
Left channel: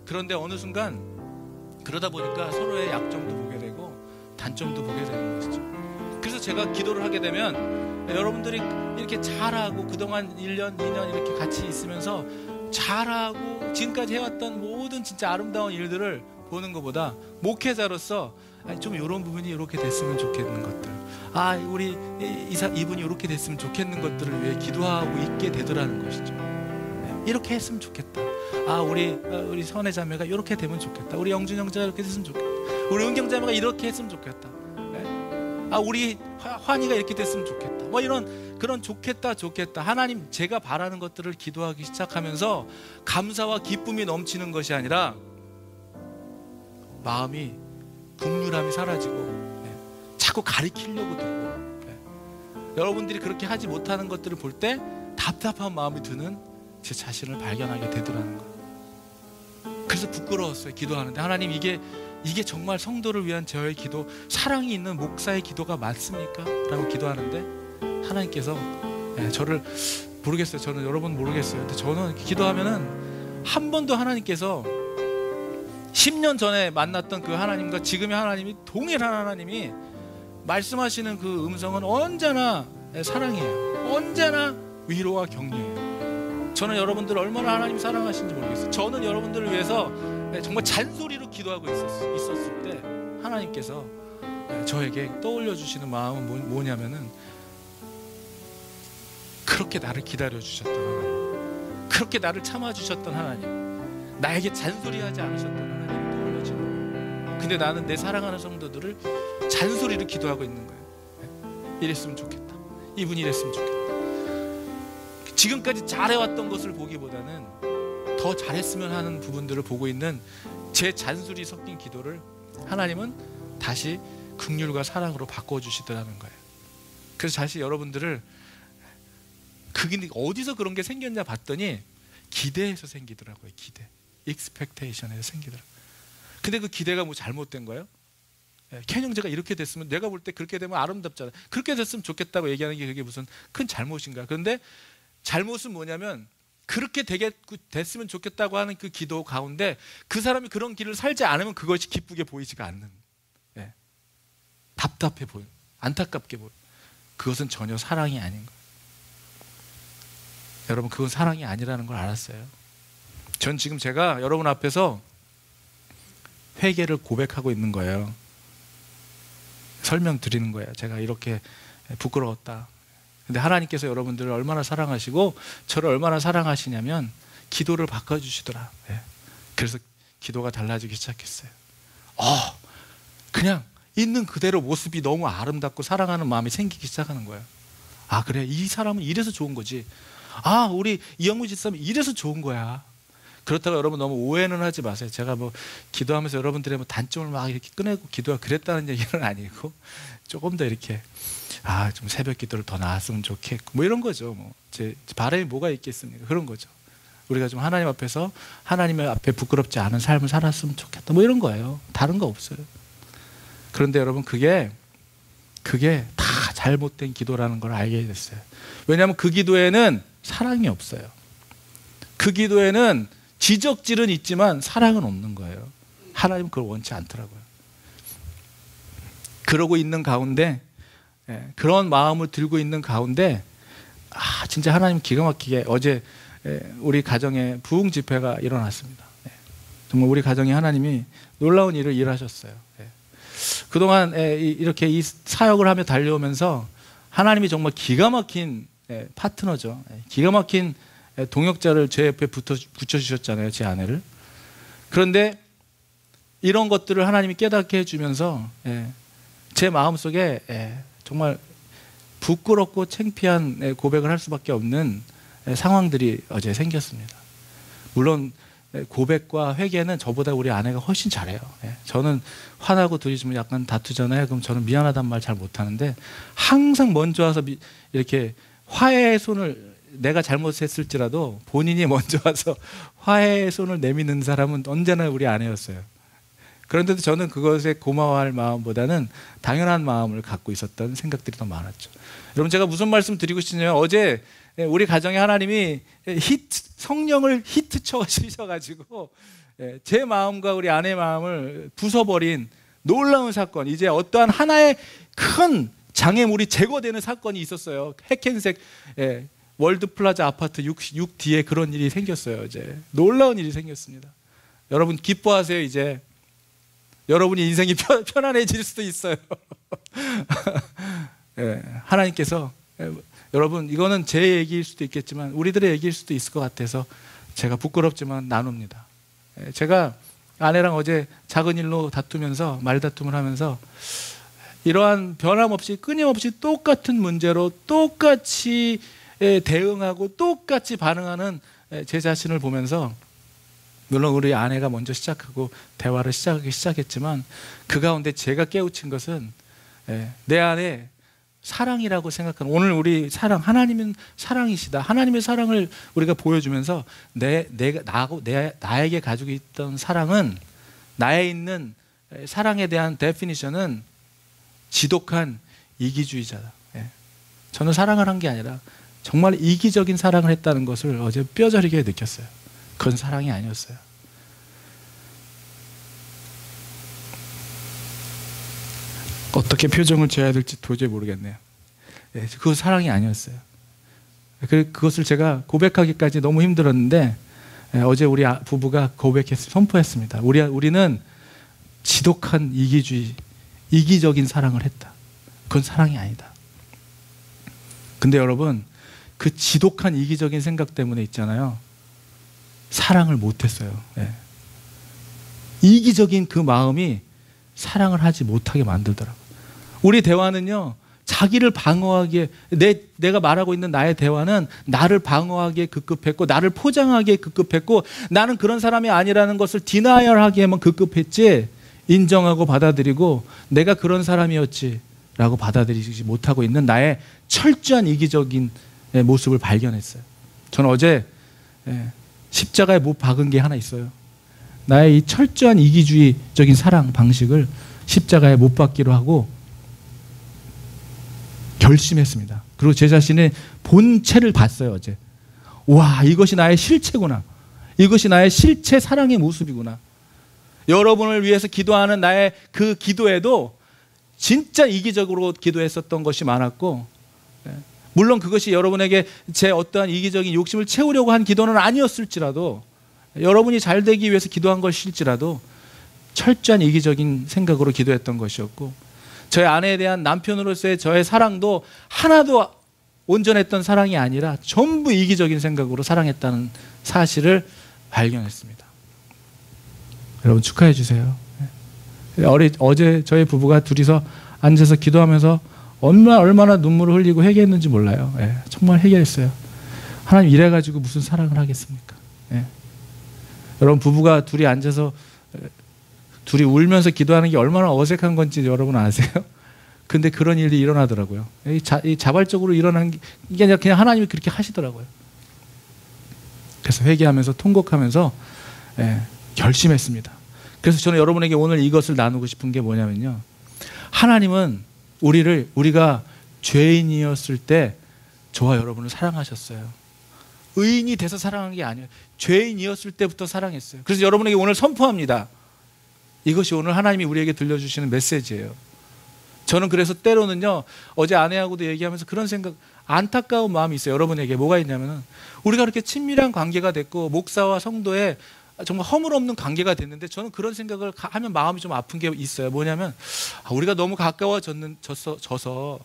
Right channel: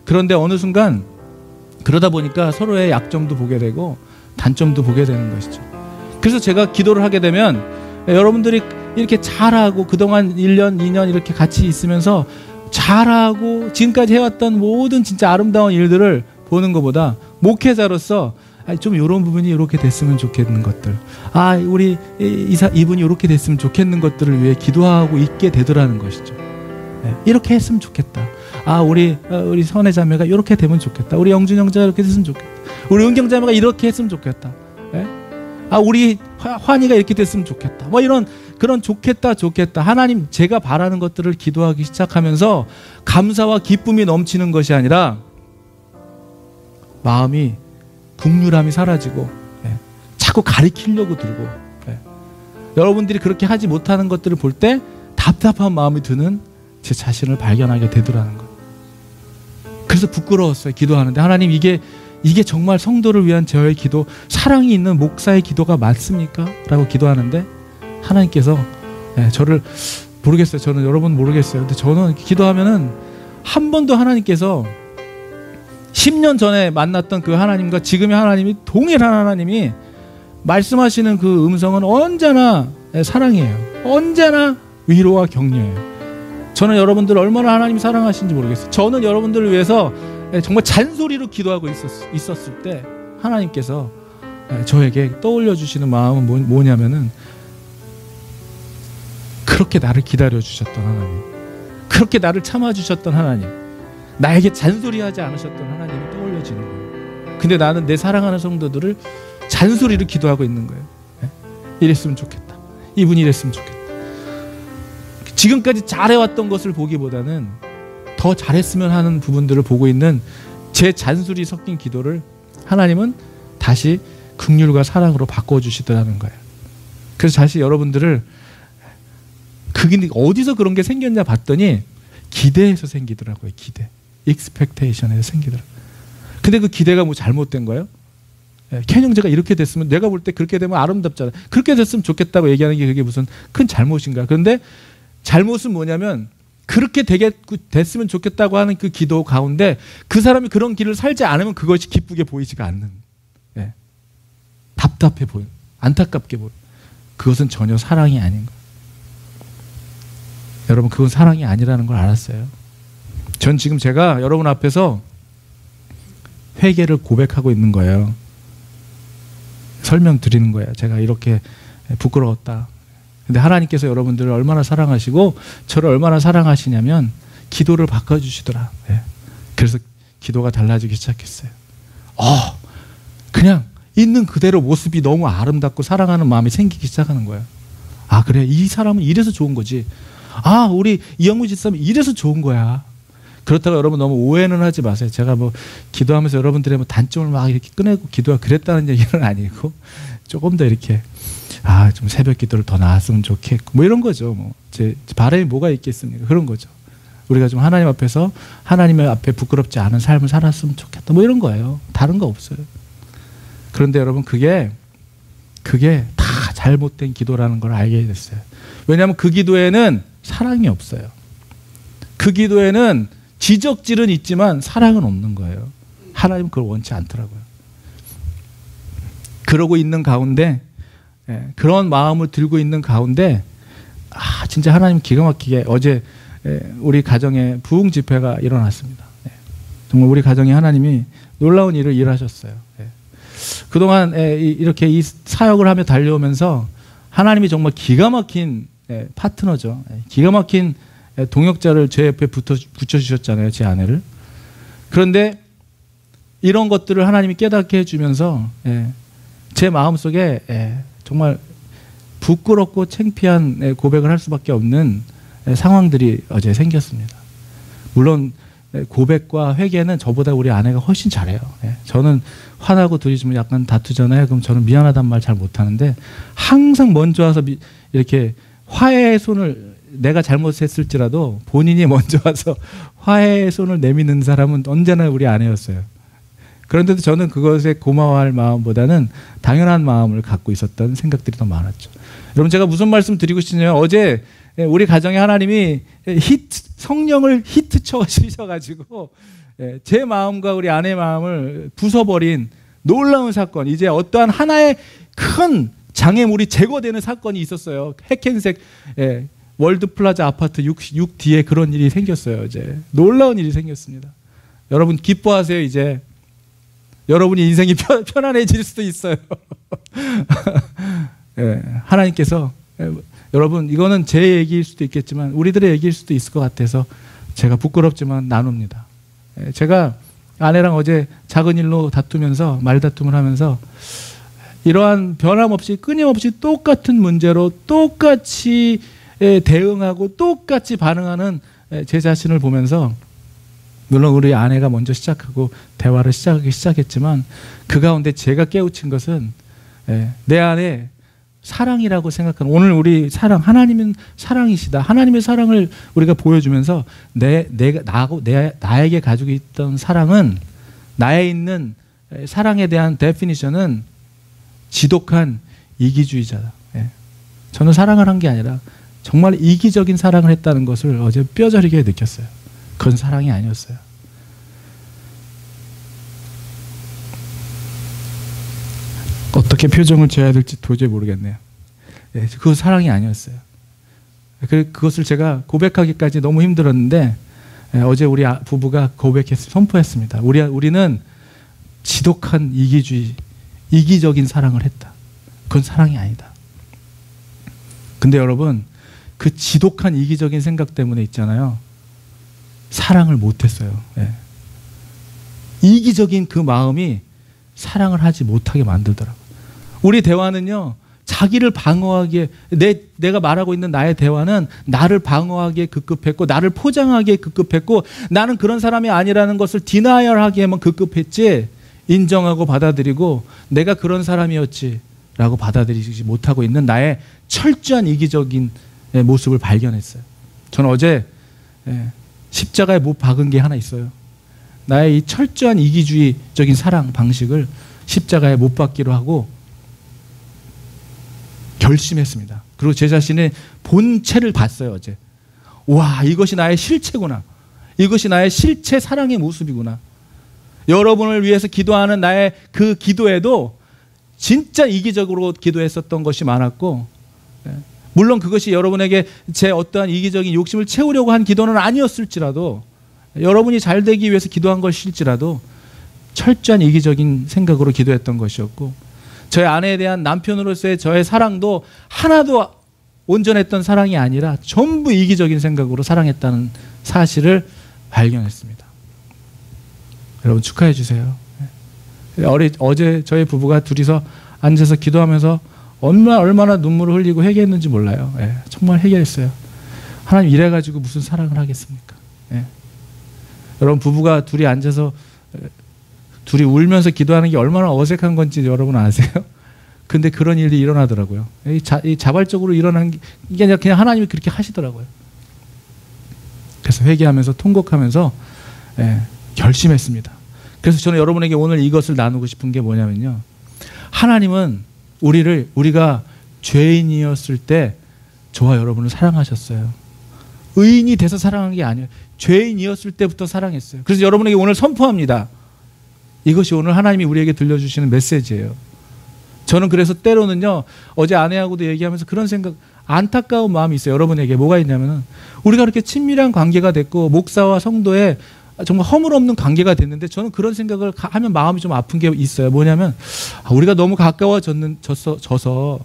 그런데 어느 순간 그러다 보니까 서로의 약점도 보게 되고 단점도 보게 되는 것이죠. 그래서 제가 기도를 하게 되면 여러분들이 이렇게 잘하고 그동안 1년, 2년 이렇게 같이 있으면서 잘하고 지금까지 해왔던 모든 진짜 아름다운 일들을 보는 것보다 목회자로서 좀 이런 부분이 이렇게 됐으면 좋겠는 것들, 우리 이분이 이렇게 됐으면 좋겠는 것들을 위해 기도하고 있게 되더라는 것이죠. 이렇게 했으면 좋겠다. 우리 선혜자매가 이렇게 되면 좋겠다. 우리 영준 형제가 이렇게 됐으면 좋겠다. 우리 은경자매가 이렇게 했으면 좋겠다. 우리 환희가 이렇게 됐으면 좋겠다. 뭐 이런 그런 좋겠다 하나님, 제가 바라는 것들을 기도하기 시작하면서 감사와 기쁨이 넘치는 것이 아니라 마음이 국률함이 사라지고 자꾸 가리키려고 들고 여러분들이 그렇게 하지 못하는 것들을 볼 때 답답한 마음이 드는 제 자신을 발견하게 되더라는 것. 그래서 부끄러웠어요. 기도하는데 하나님, 이게 정말 성도를 위한 저의 기도, 사랑이 있는 목사의 기도가 맞습니까? 라고 기도하는데 하나님께서 저를 모르겠어요. 저는 여러분 모르겠어요. 근데 저는 기도하면은 한 번도 하나님께서 10년 전에 만났던 그 하나님과 지금의 하나님이 동일한 하나님이 말씀하시는 그 음성은 언제나 사랑이에요. 언제나 위로와 격려예요. 저는 여러분들을 얼마나 하나님이 사랑하시는지 모르겠어요. 저는 여러분들을 위해서 정말 잔소리로 기도하고 있었을 때 하나님께서 저에게 떠올려 주시는 마음은 뭐냐면은 그렇게 나를 기다려 주셨던 하나님, 그렇게 나를 참아 주셨던 하나님, 나에게 잔소리하지 않으셨던 하나님이 떠올려지는 거예요. 근데 나는 내 사랑하는 성도들을 잔소리로 기도하고 있는 거예요. 이랬으면 좋겠다. 이분이 이랬으면 좋겠다. 지금까지 잘해왔던 것을 보기보다는 더 잘했으면 하는 부분들을 보고 있는 제 잔소리 섞인 기도를 하나님은 다시 긍휼과 사랑으로 바꿔주시더라는 거예요. 그래서 다시 여러분들을 그게 어디서 그런 게 생겼냐 봤더니 기대에서 생기더라고요. 기대. expectation에서 생기더라고요. 근데 그 기대가 뭐 잘못된 거예요? 켄 형제가 이렇게 됐으면, 내가 볼 때 그렇게 되면 아름답잖아. 그렇게 됐으면 좋겠다고 얘기하는 게 그게 무슨 큰 잘못인가? 그런데 잘못은 뭐냐면 그렇게 됐으면 좋겠다고 하는 그 기도 가운데 그 사람이 그런 길을 살지 않으면 그것이 기쁘게 보이지가 않는, 답답해 보여, 안타깝게 보여. 그것은 전혀 사랑이 아닌 거예요. 여러분, 그건 사랑이 아니라는 걸 알았어요. 전 지금 제가 여러분 앞에서 회개를 고백하고 있는 거예요. 설명드리는 거예요. 제가 이렇게 부끄러웠다. 근데 하나님께서 여러분들을 얼마나 사랑하시고 저를 얼마나 사랑하시냐면 기도를 바꿔주시더라. 그래서 기도가 달라지기 시작했어요. 그냥 있는 그대로 모습이 너무 아름답고 사랑하는 마음이 생기기 시작하는 거예요. 그래, 이 사람은 이래서 좋은 거지. 우리 이영무 집사님 이래서 좋은 거야. 그렇다고 여러분 너무 오해는 하지 마세요. 제가 뭐 기도하면서 여러분들의 뭐 단점을 막 이렇게 꺼내고 기도가 그랬다는 얘기는 아니고, 조금 더 이렇게 좀 새벽 기도를 더 나았으면 좋겠고 뭐 이런 거죠. 뭐 제 바람이 뭐가 있겠습니까? 그런 거죠. 우리가 좀 하나님 앞에서 하나님의 앞에 부끄럽지 않은 삶을 살았으면 좋겠다. 뭐 이런 거예요. 다른 거 없어요. 그런데 여러분, 그게 다 잘못된 기도라는 걸 알게 됐어요. 왜냐하면 그 기도에는 사랑이 없어요. 그 기도에는 지적질은 있지만 사랑은 없는 거예요. 하나님은 그걸 원치 않더라고요. 그러고 있는 가운데, 그런 마음을 들고 있는 가운데 진짜 하나님 기가 막히게 어제 우리 가정에 부흥 집회가 일어났습니다. 정말 우리 가정에 하나님이 놀라운 일을 일하셨어요. 그동안 이렇게 이 사역을 하며 달려오면서 하나님이 정말 기가 막힌 파트너죠. 기가 막힌 동역자를 제 옆에 붙여주셨잖아요. 제 아내를. 그런데 이런 것들을 하나님이 깨닫게 해주면서 제 마음속에 정말 부끄럽고 창피한 고백을 할 수밖에 없는 상황들이 어제 생겼습니다. 물론 고백과 회개는 저보다 우리 아내가 훨씬 잘해요. 저는 화나고 둘이 좀 약간 다투잖아요. 그럼 저는 미안하단 말 잘 못하는데 항상 먼저 와서 이렇게 화해의 손을, 내가 잘못했을지라도 본인이 먼저 와서 화해의 손을 내미는 사람은 언제나 우리 아내였어요. 그런데도 저는 그것에 고마워할 마음보다는 당연한 마음을 갖고 있었던 생각들이 더 많았죠. 여러분, 제가 무슨 말씀 드리고 싶냐면, 어제 우리 가정에 하나님이 성령을 히트 쳐주셔가지고 제 마음과 우리 아내의 마음을 부숴버린 놀라운 사건, 이제 어떠한 하나의 큰 장애물이 제거되는 사건이 있었어요. 핵행색 월드 플라자 아파트 6D에 그런 일이 생겼어요. 어제 놀라운 일이 생겼습니다. 여러분 기뻐하세요. 이제 여러분이 인생이 편안해질 수도 있어요. 하나님께서, 여러분 이거는 제 얘기일 수도 있겠지만 우리들의 얘기일 수도 있을 것 같아서 제가 부끄럽지만 나눕니다. 제가 아내랑 어제 작은 일로 다투면서 말다툼을 하면서 이러한 변함없이 끊임없이 똑같은 문제로 똑같이 대응하고 똑같이 반응하는 제 자신을 보면서, 물론 우리 아내가 먼저 시작하고 대화를 시작하기 시작했지만 그 가운데 제가 깨우친 것은 내 안에 사랑이라고 생각하는, 오늘 우리 사랑, 하나님은 사랑이시다. 하나님의 사랑을 우리가 보여주면서 나에게 가지고 있던 사랑은, 나에 있는 사랑에 대한 데피니션은 지독한 이기주의자다. 저는 사랑을 한 게 아니라 정말 이기적인 사랑을 했다는 것을 어제 뼈저리게 느꼈어요. 그건 사랑이 아니었어요. 어떻게 표정을 지어야 될지 도저히 모르겠네요. 그건 사랑이 아니었어요. 그것을 제가 고백하기까지 너무 힘들었는데 어제 우리 부부가 선포했습니다. 우리는 지독한 이기적인 사랑을 했다. 그건 사랑이 아니다. 근데 여러분, 그 지독한 이기적인 생각 때문에 있잖아요, 사랑을 못했어요. 이기적인 그 마음이 사랑을 하지 못하게 만들더라고요. 우리 대화는요, 자기를 방어하기에, 내가 말하고 있는 나의 대화는 나를 방어하기에 급급했고, 나를 포장하기에 급급했고, 나는 그런 사람이 아니라는 것을 디나이얼하기에만 급급했지, 인정하고 받아들이고 내가 그런 사람이었지 라고 받아들이지 못하고 있는 나의 철저한 이기적인 모습을 발견했어요. 저는 어제 십자가에 못 박은 게 하나 있어요. 나의 이 철저한 이기주의적인 사랑 방식을 십자가에 못 박기로 하고 결심했습니다. 그리고 제 자신의 본체를 봤어요. 어제. 와, 이것이 나의 실체구나. 이것이 나의 실체 사랑의 모습이구나. 여러분을 위해서 기도하는 나의 그 기도에도 진짜 이기적으로 기도했었던 것이 많았고, 물론 그것이 여러분에게 제 어떠한 이기적인 욕심을 채우려고 한 기도는 아니었을지라도, 여러분이 잘 되기 위해서 기도한 것일지라도 철저한 이기적인 생각으로 기도했던 것이었고, 저의 아내에 대한 남편으로서의 저의 사랑도 하나도 온전했던 사랑이 아니라 전부 이기적인 생각으로 사랑했다는 사실을 발견했습니다. 여러분 축하해 주세요. 어제 저희 부부가 둘이서 앉아서 기도하면서 얼마나 눈물을 흘리고 회개했는지 몰라요. 정말 회개했어요. 하나님 이래가지고 무슨 사랑을 하겠습니까? 여러분 부부가 둘이 앉아서 둘이 울면서 기도하는 게 얼마나 어색한 건지 여러분 아세요? 근데 그런 일이 일어나더라고요. 자발적으로 일어나는 게 이게 아니라 그냥 하나님이 그렇게 하시더라고요. 그래서 회개하면서 통곡하면서 결심했습니다. 그래서 저는 여러분에게 오늘 이것을 나누고 싶은 게 뭐냐면요, 하나님은 우리가 죄인이었을 때 저와 여러분을 사랑하셨어요. 의인이 돼서 사랑한 게 아니에요. 죄인이었을 때부터 사랑했어요. 그래서 여러분에게 오늘 선포합니다. 이것이 오늘 하나님이 우리에게 들려주시는 메시지예요. 저는 그래서 때로는요, 어제 아내하고도 얘기하면서 그런 생각, 안타까운 마음이 있어요. 여러분에게 뭐가 있냐면은, 우리가 그렇게 친밀한 관계가 됐고 목사와 성도의 정말 허물없는 관계가 됐는데, 저는 그런 생각을 하면 마음이 좀 아픈 게 있어요. 뭐냐면 우리가 너무 가까워져서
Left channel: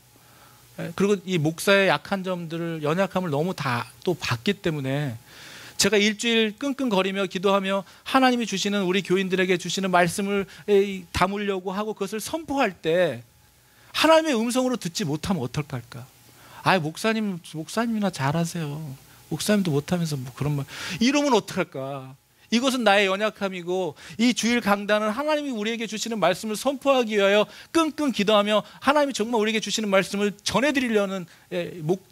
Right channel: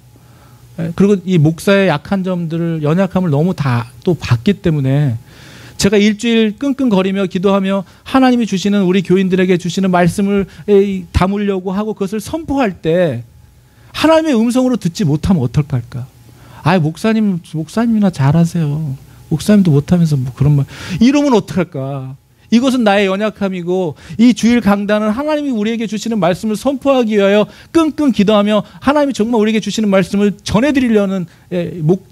그리고 이 목사의 약한 점들을, 연약함을 너무 다 또 봤기 때문에 제가 일주일 끙끙거리며 기도하며 하나님이 주시는, 우리 교인들에게 주시는 말씀을 담으려고 하고 그것을 선포할 때 하나님의 음성으로 듣지 못하면 어떡할까? 아, 목사님이나 잘하세요. 목사님도 못하면서 뭐 그런 말. 이러면 어떡할까? 이것은 나의 연약함이고 이 주일 강단은 하나님이 우리에게 주시는 말씀을 선포하기 위하여 끙끙 기도하며 하나님이 정말 우리에게 주시는 말씀을 전해드리려는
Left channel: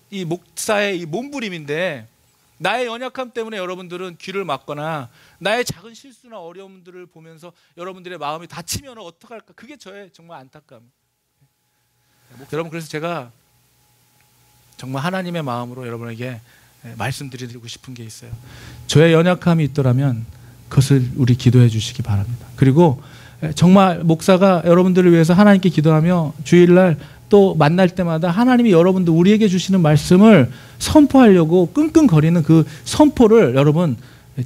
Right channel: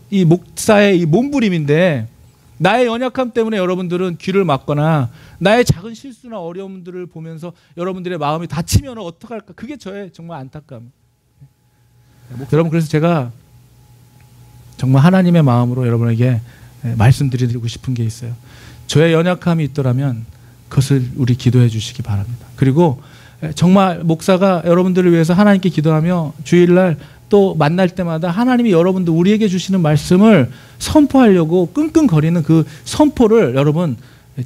이 목사의 이 몸부림인데 나의 연약함 때문에 여러분들은 귀를 막거나 나의 작은 실수나 어려움들을 보면서 여러분들의 마음이 다치면 어떡할까? 그게 저의 정말 안타까움. 여러분, 그래서 제가 정말 하나님의 마음으로 여러분에게 말씀드리고 싶은 게 있어요. 저의 연약함이 있더라면 그것을 우리 기도해 주시기 바랍니다. 그리고 정말 목사가 여러분들을 위해서 하나님께 기도하며 주일날 또 만날 때마다 하나님이 여러분들 우리에게 주시는 말씀을 선포하려고 끙끙거리는 그 선포를 여러분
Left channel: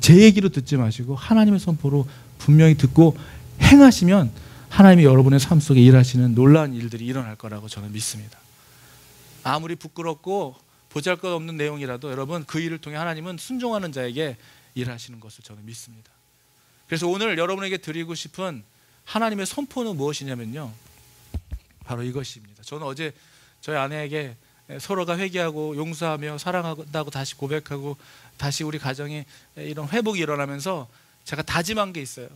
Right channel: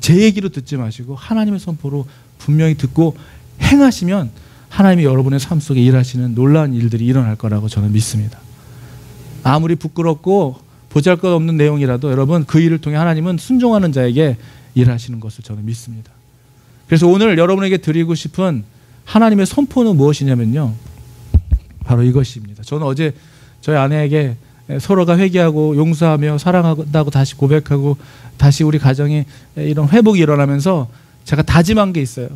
제 얘기로 듣지 마시고 하나님의 선포로 분명히 듣고 행하시면 하나님이 여러분의 삶 속에 일하시는 놀라운 일들이 일어날 거라고 저는 믿습니다. 아무리 부끄럽고 보잘것없는 내용이라도 여러분 그 일을 통해 하나님은 순종하는 자에게 일하시는 것을 저는 믿습니다. 그래서 오늘 여러분에게 드리고 싶은 하나님의 선포는 무엇이냐면요, 바로 이것입니다. 저는 어제 저희 아내에게 서로가 회개하고 용서하며 사랑한다고 다시 고백하고 다시 우리 가정에 이런 회복이 일어나면서 제가 다짐한 게 있어요.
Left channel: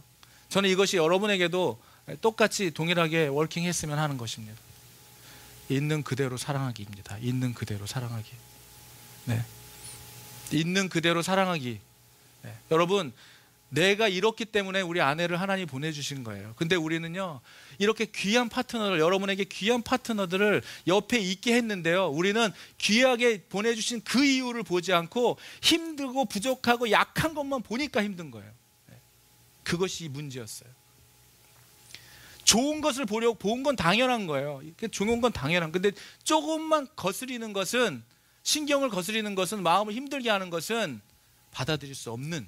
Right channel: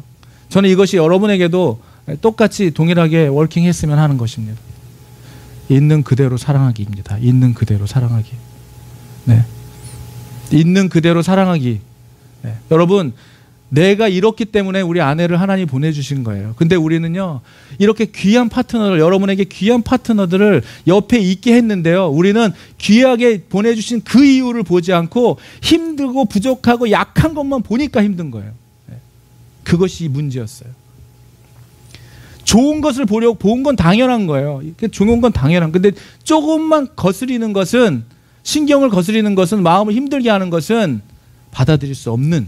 저는 이것이 여러분에게도 똑같이 동일하게 워킹했으면 하는 것입니다. 있는 그대로 사랑하기입니다. 있는 그대로 사랑하기. 네. 있는 그대로 사랑하기. 네. 여러분, 내가 이렇기 때문에 우리 아내를 하나님이 보내주신 거예요. 근데 우리는요, 이렇게 귀한 파트너를, 여러분에게 귀한 파트너들을 옆에 있게 했는데요, 우리는 귀하게 보내주신 그 이유를 보지 않고 힘들고 부족하고 약한 것만 보니까 힘든 거예요. 네. 그것이 문제였어요. 좋은 것을 보려고 본 건 당연한 거예요. 좋은 건 당연한. 근데 조금만 거스리는 것은, 신경을 거스리는 것은, 마음을 힘들게 하는 것은 받아들일 수 없는,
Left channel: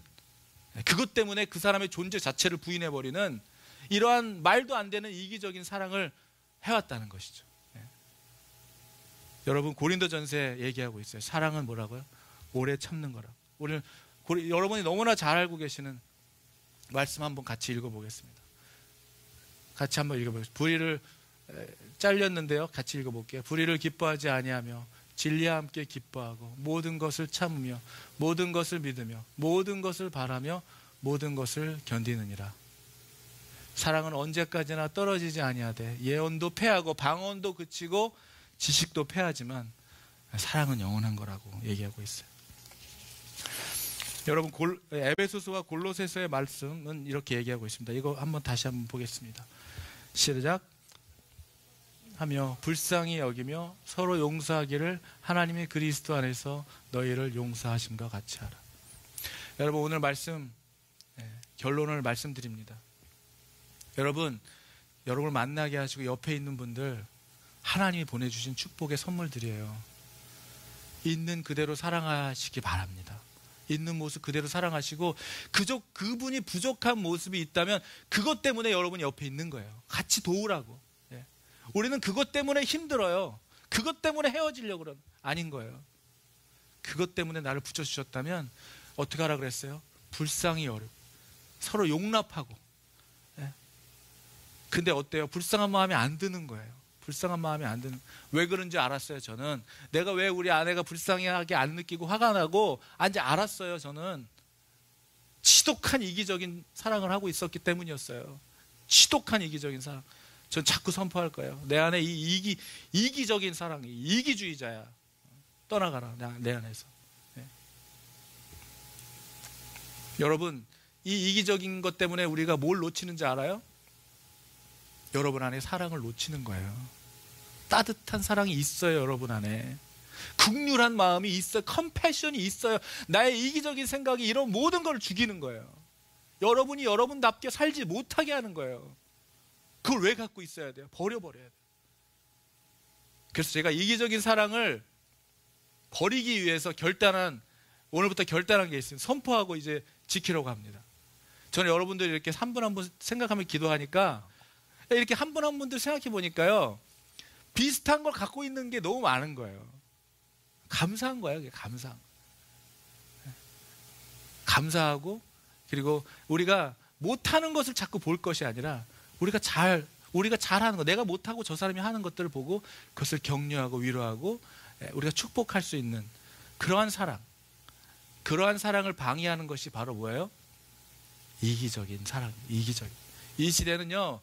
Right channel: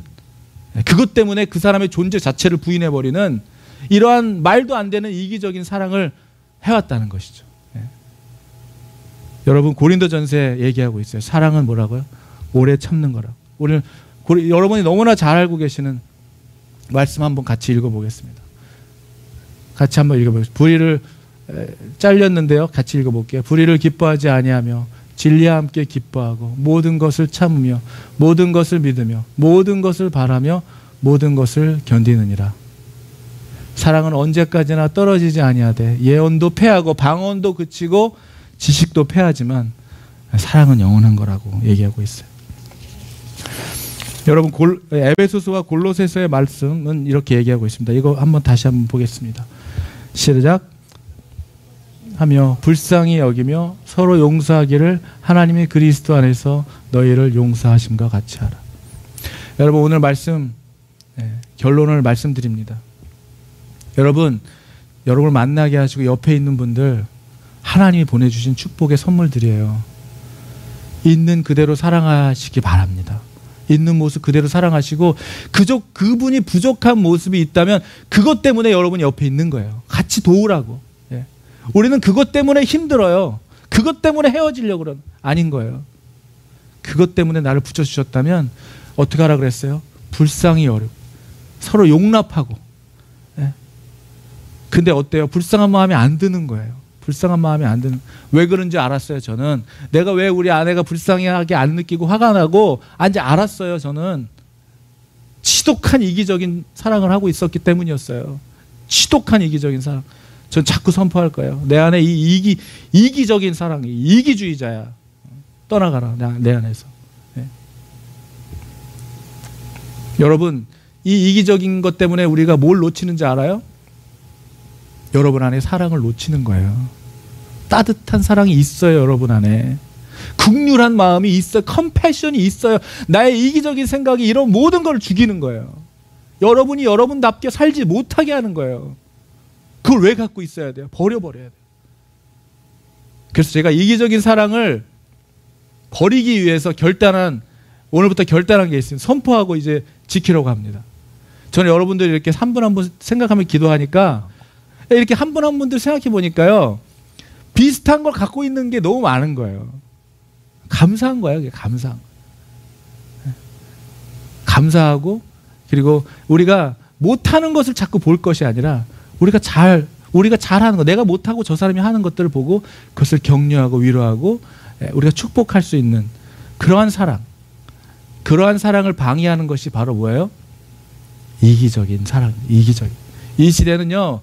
그것 때문에 그 사람의 존재 자체를 부인해버리는 이러한 말도 안 되는 이기적인 사랑을 해왔다는 것이죠. 예. 여러분, 고린도전서에 얘기하고 있어요. 사랑은 뭐라고요? 오래 참는 거라고. 오늘 여러분이 너무나 잘 알고 계시는 말씀 한번 같이 읽어보겠습니다. 같이 한번 읽어보겠습니다. 불의를 잘렸는데요, 같이 읽어볼게요. 불의를 기뻐하지 아니하며 진리와 함께 기뻐하고 모든 것을 참으며 모든 것을 믿으며 모든 것을 바라며 모든 것을 견디느니라. 사랑은 언제까지나 떨어지지 아니하되 예언도 패하고 방언도 그치고 지식도 패하지만 사랑은 영원한 거라고 얘기하고 있어요. 여러분, 에베소서와 골로새서의 말씀은 이렇게 얘기하고 있습니다. 이거 다시 한번 보겠습니다. 시작. 하며 불쌍히 여기며 서로 용서하기를 하나님의 그리스도 안에서 너희를 용서하심과 같이 하라. 여러분, 오늘 말씀 결론을 말씀드립니다. 여러분을 만나게 하시고 옆에 있는 분들 하나님이 보내주신 축복의 선물들이에요. 있는 그대로 사랑하시기 바랍니다. 있는 모습 그대로 사랑하시고 그분이 부족한 모습이 있다면 그것 때문에 여러분이 옆에 있는 거예요. 같이 도우라고. 우리는 그것 때문에 힘들어요. 그것 때문에 헤어지려고 그러는 아닌 거예요. 그것 때문에 나를 붙여주셨다면 어떻게 하라 그랬어요? 불쌍히 여기고 서로 용납하고. 근데 어때요? 불쌍한 마음이 안 드는 거예요. 불쌍한 마음이 안 드는. 왜 그런지 알았어요. 저는 내가 왜 우리 아내가 불쌍하게 안 느끼고 화가 나고 이제 알았어요. 저는 지독한 이기적인 사랑을 하고 있었기 때문이었어요. 지독한 이기적인 사랑. 전 자꾸 선포할 거예요. 내 안에 이 이기적인 사랑이 이기주의자야. 떠나가라, 내 안에서. 네. 여러분, 이 이기적인 것 때문에 우리가 뭘 놓치는지 알아요? 여러분 안에 사랑을 놓치는 거예요. 따뜻한 사랑이 있어요. 여러분 안에 긍휼한 마음이 있어요. 컴패션이 있어요. 나의 이기적인 생각이 이런 모든 걸 죽이는 거예요. 여러분이 여러분답게 살지 못하게 하는 거예요. 그걸 왜 갖고 있어야 돼요? 버려버려야 돼요. 그래서 제가 이기적인 사랑을 버리기 위해서 오늘부터 결단한 게 있습니다. 선포하고 이제 지키려고 합니다. 저는 여러분들이 이렇게 한 분 한 분 생각하며 기도하니까 이렇게 한 분 한 분들 생각해 보니까요, 비슷한 걸 갖고 있는 게 너무 많은 거예요. 감사한 거예요. 감사하고, 그리고 우리가 못하는 것을 자꾸 볼 것이 아니라 우리가 잘하는 거, 내가 못하고 저 사람이 하는 것들을 보고 그것을 격려하고 위로하고 우리가 축복할 수 있는 그러한 사랑을 방해하는 것이 바로 뭐예요? 이기적인 사랑. 이기적인. 이 시대는요,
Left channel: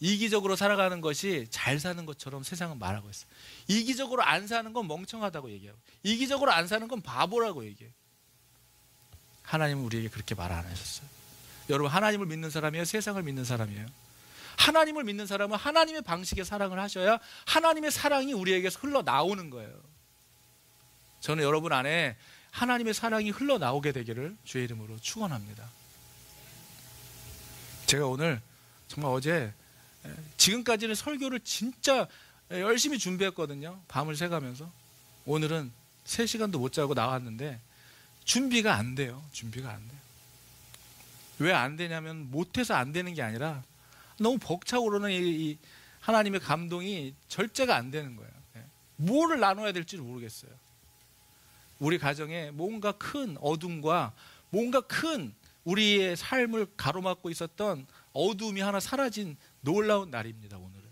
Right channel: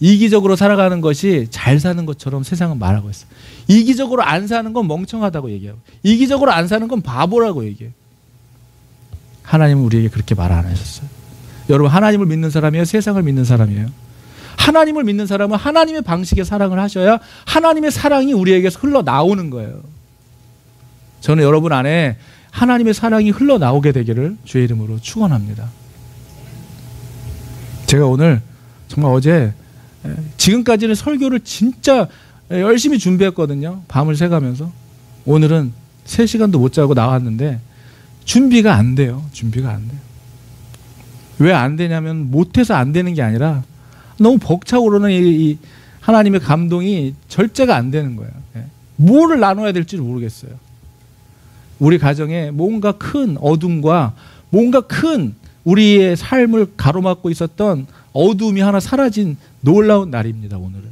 이기적으로 살아가는 것이 잘 사는 것처럼 세상은 말하고 있어요. 이기적으로 안 사는 건 멍청하다고 얘기하고, 이기적으로 안 사는 건 바보라고 얘기해요. 하나님은 우리에게 그렇게 말 안 하셨어요. 여러분, 하나님을 믿는 사람이에요? 세상을 믿는 사람이에요? 하나님을 믿는 사람은 하나님의 방식의 사랑을 하셔야 하나님의 사랑이 우리에게서 흘러나오는 거예요. 저는 여러분 안에 하나님의 사랑이 흘러나오게 되기를 주의 이름으로 축원합니다. 제가 오늘 정말 어제 지금까지는 설교를 진짜 열심히 준비했거든요. 밤을 새가면서. 오늘은 3시간도 못 자고 나왔는데 준비가 안 돼요. 준비가 안 돼요. 왜 안 되냐면 못해서 안 되는 게 아니라 너무 벅차오르는 이 하나님의 감동이 절제가 안 되는 거예요. 뭐를 나눠야 될지 모르겠어요. 우리 가정에 뭔가 큰 어둠과 뭔가 큰 우리의 삶을 가로막고 있었던 어둠이 하나 사라진 놀라운 날입니다. 오늘은.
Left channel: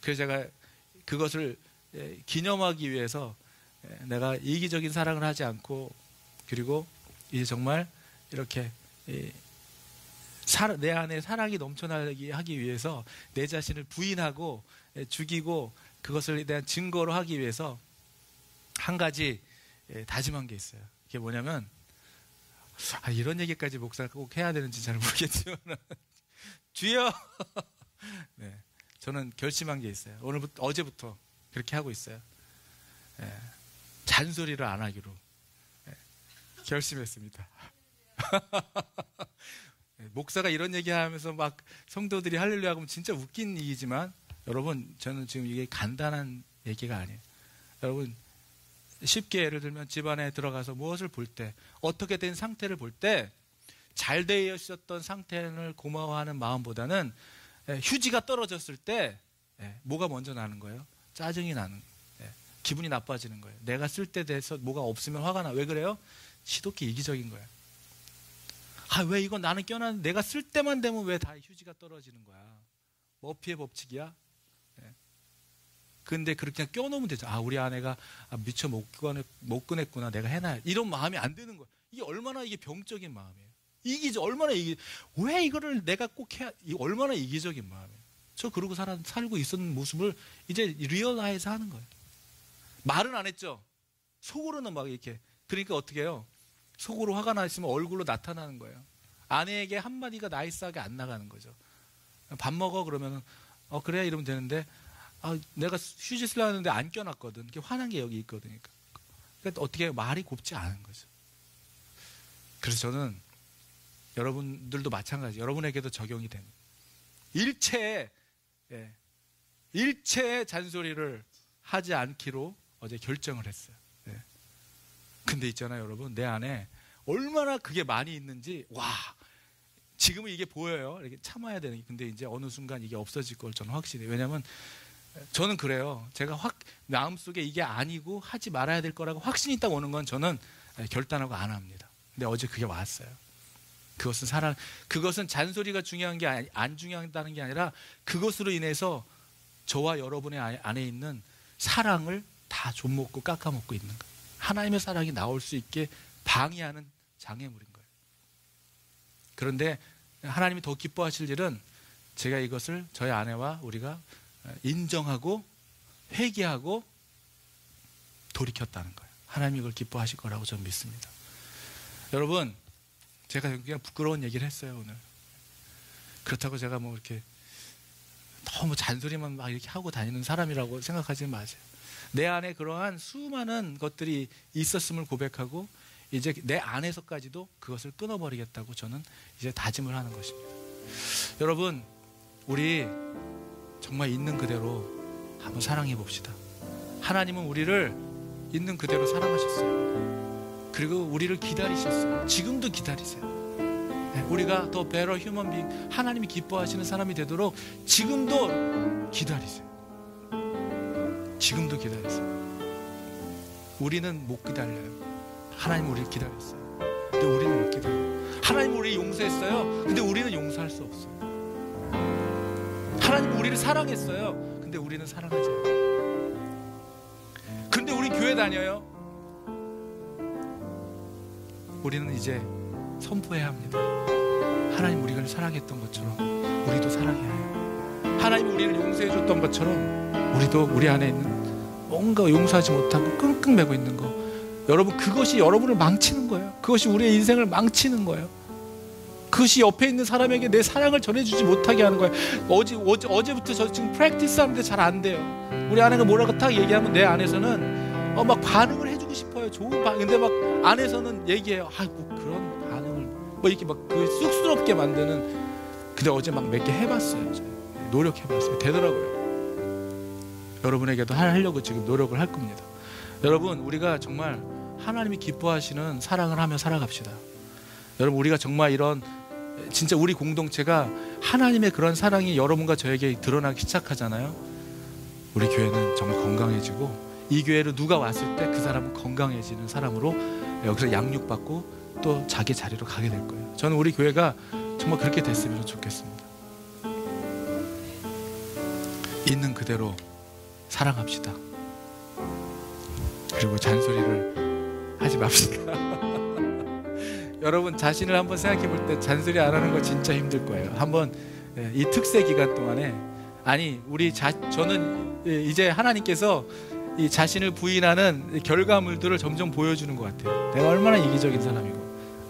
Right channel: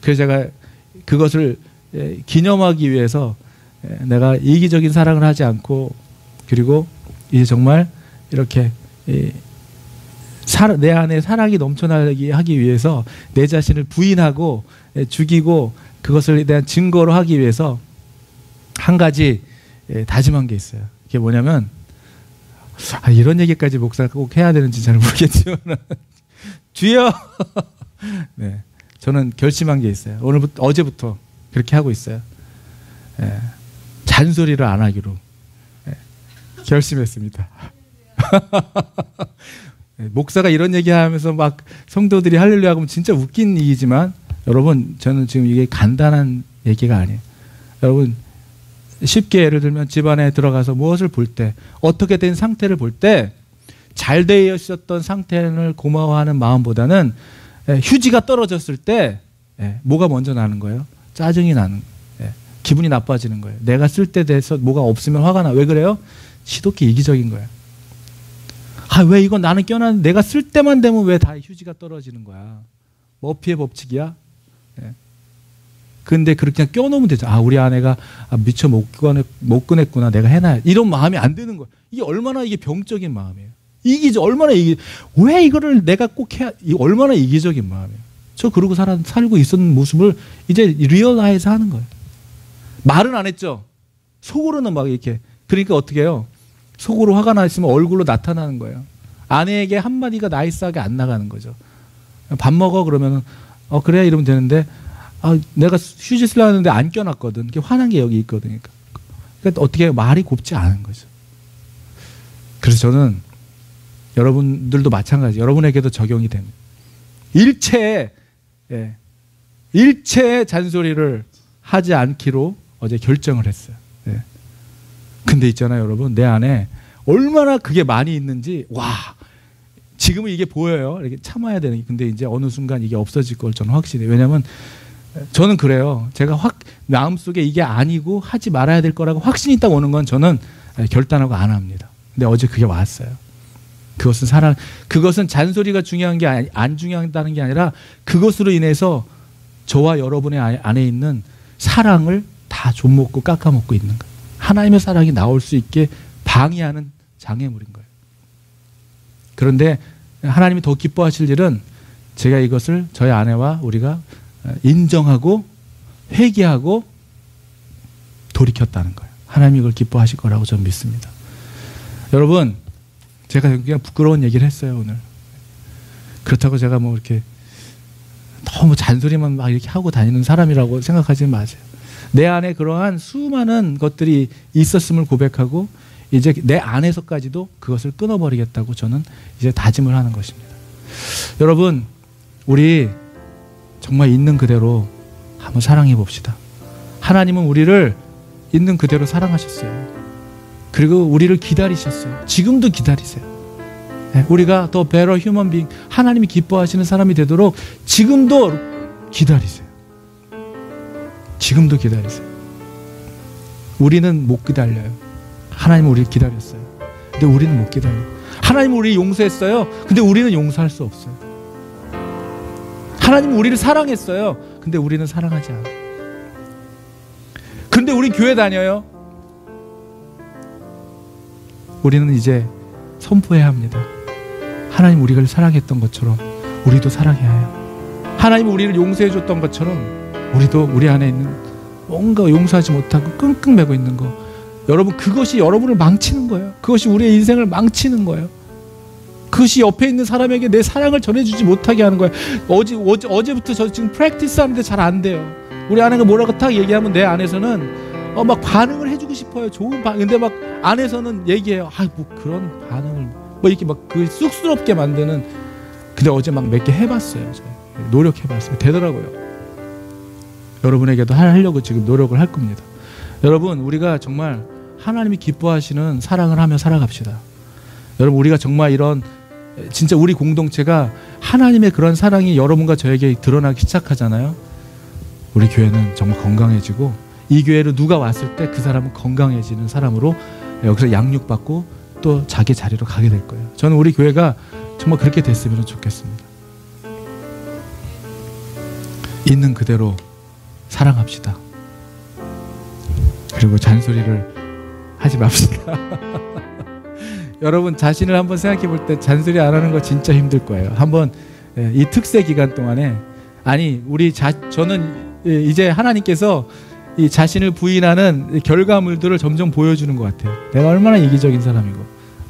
그래서 제가 그것을 기념하기 위해서 내가 이기적인 사랑을 하지 않고, 그리고 이제 정말 이렇게 내 안에 사랑이 넘쳐나게 하기 위해서 내 자신을 부인하고 죽이고 그것을 대한 증거로 하기 위해서 한 가지 다짐한 게 있어요. 그게 뭐냐면, 이런 얘기까지 목사가 꼭 해야 되는지 잘 모르겠지만 주여 네, 저는 결심한 게 있어요. 어제부터 그렇게 하고 있어요. 잔소리를 안 하기로 결심했습니다. 목사가 이런 얘기하면서 막 성도들이 할렐루야 하면 진짜 웃긴 얘기지만, 여러분, 저는 지금 이게 간단한 얘기가 아니에요. 여러분, 쉽게 예를 들면 집안에 들어가서 무엇을 볼 때, 어떻게 된 상태를 볼 때 잘 되어 있었던 상태를 고마워하는 마음보다는 휴지가 떨어졌을 때 뭐가 먼저 나는 거예요? 짜증이 나는 거예요. 기분이 나빠지는 거예요. 내가 쓸 때 돼서 뭐가 없으면 화가 나. 왜 그래요? 지독히 이기적인 거예요. 왜 이건 나는 껴놨는데 내가 쓸 때만 되면 왜 다 휴지가 떨어지는 거야? 머피의 법칙이야? 근데 그렇게 그냥 껴놓으면 되죠. 우리 아내가 미처 못 꺼냈구나. 내가 해놔야. 이런 마음이 안 드는 거예요. 이게 얼마나 이게 병적인 마음이에요. 얼마나 왜 이거를 내가 꼭 해야, 얼마나 이기적인 마음이에요. 저 그러고 살고 있었는 모습을 이제 리얼라이즈 하는 거예요. 말은 안 했죠. 속으로는 막 이렇게. 그러니까 어떻게 해요? 속으로 화가 나 있으면 얼굴로 나타나는 거예요. 아내에게 한마디가 나이스하게 안 나가는 거죠. 밥 먹어? 그러면 그래? 이러면 되는데, 내가 휴지 쓰려고 하는데 안 껴놨거든. 이렇게 화난 게 여기 있거든. 그러니까 어떻게 해요? 말이 곱지 않은 거죠. 그래서 저는 여러분들도 마찬가지, 여러분에게도 적용이 됩니다. 일체의 잔소리를 하지 않기로 어제 결정을 했어요. 근데 있잖아요, 여러분, 내 안에 얼마나 그게 많이 있는지, 지금은 이게 보여요. 이렇게 참아야 되는 게. 근데 이제 어느 순간 이게 없어질 걸 저는 확신해요. 왜냐하면 저는 그래요. 제가 마음속에 이게 아니고 하지 말아야 될 거라고 확신이 딱 오는 건 저는 결단하고 안 합니다. 근데 어제 그게 왔어요. 그것은 잔소리가 중요한 게 안 중요하다는 게 아니라 그것으로 인해서 저와 여러분의 안에 있는 사랑을 다 좀먹고 깎아먹고 있는 거예요. 하나님의 사랑이 나올 수 있게 방해하는 장애물인 거예요. 그런데 하나님이 더 기뻐하실 일은 제가 이것을 저희 아내와 우리가 인정하고 회개하고 돌이켰다는 거예요. 하나님이 이걸 기뻐하실 거라고 저는 믿습니다. 여러분, 제가 그냥 부끄러운 얘기를 했어요, 오늘. 그렇다고 제가 뭐 이렇게 너무 잔소리만 막 이렇게 하고 다니는 사람이라고 생각하지 마세요. 내 안에 그러한 수많은 것들이 있었음을 고백하고 이제 내 안에서까지도 그것을 끊어버리겠다고 저는 이제 다짐을 하는 것입니다. 여러분, 우리 정말 있는 그대로 한번 사랑해 봅시다. 하나님은 우리를 있는 그대로 사랑하셨어요. 그리고 우리를 기다리셨어요. 지금도 기다리세요. 우리가 더 better human being, 하나님이 기뻐하시는 사람이 되도록 지금도 기다리세요. 지금도 기다리세요. 우리는 못 기다려요. 하나님은 우리를 기다렸어요. 근데 우리는 못 기다려요. 하나님은 우리를 용서했어요. 근데 우리는 용서할 수 없어요. 하나님은 우리를 사랑했어요. 근데 우리는 사랑하지 않아요. 근데 우리 교회 다녀요. 우리는 이제 선포해야 합니다. 하나님 우리를 사랑했던 것처럼 우리도 사랑해야 해요. 하나님 우리를 용서해 줬던 것처럼 우리도 우리 안에 있는 뭔가 용서하지 못하고 끙끙 매고 있는 거, 여러분 그것이 여러분을 망치는 거예요. 그것이 우리의 인생을 망치는 거예요. 그것이 옆에 있는 사람에게 내 사랑을 전해주지 못하게 하는 거예요. 어제부터 저 지금 프랙티스 하는데 잘 안 돼요. 우리 아내가 뭐라고 딱 얘기하면 내 안에서는 막 반응을 해주고 싶어요. 좋은 반응. 근데 막 안에서는 얘기해요. 뭐 그런 반응을 뭐 이렇게 막 그 쑥스럽게 만드는. 근데 어제 막 몇 개 해봤어요. 노력해봤어요. 되더라고요. 여러분에게도 하려고 지금 노력을 할 겁니다. 여러분, 우리가 정말 하나님이 기뻐하시는 사랑을 하며 살아갑시다. 여러분, 우리가 정말 이런 진짜 우리 공동체가 하나님의 그런 사랑이 여러분과 저에게 드러나기 시작하잖아요. 우리 교회는 정말 건강해지고, 이 교회로 누가 왔을 때 그 사람은 건강해지는 사람으로 여기서 양육받고 또 자기 자리로 가게 될 거예요. 저는 우리 교회가 정말 그렇게 됐으면 좋겠습니다. 있는 그대로 사랑합시다. 그리고 잔소리를 하지 맙시다. 여러분 자신을 한번 생각해 볼 때 잔소리 안 하는 거 진짜 힘들 거예요. 한번 이 특세 기간 동안에, 아니 저는 이제 하나님께서 이 자신을 부인하는 결과물들을 점점 보여주는 것 같아요. 내가 얼마나 이기적인 사람이고,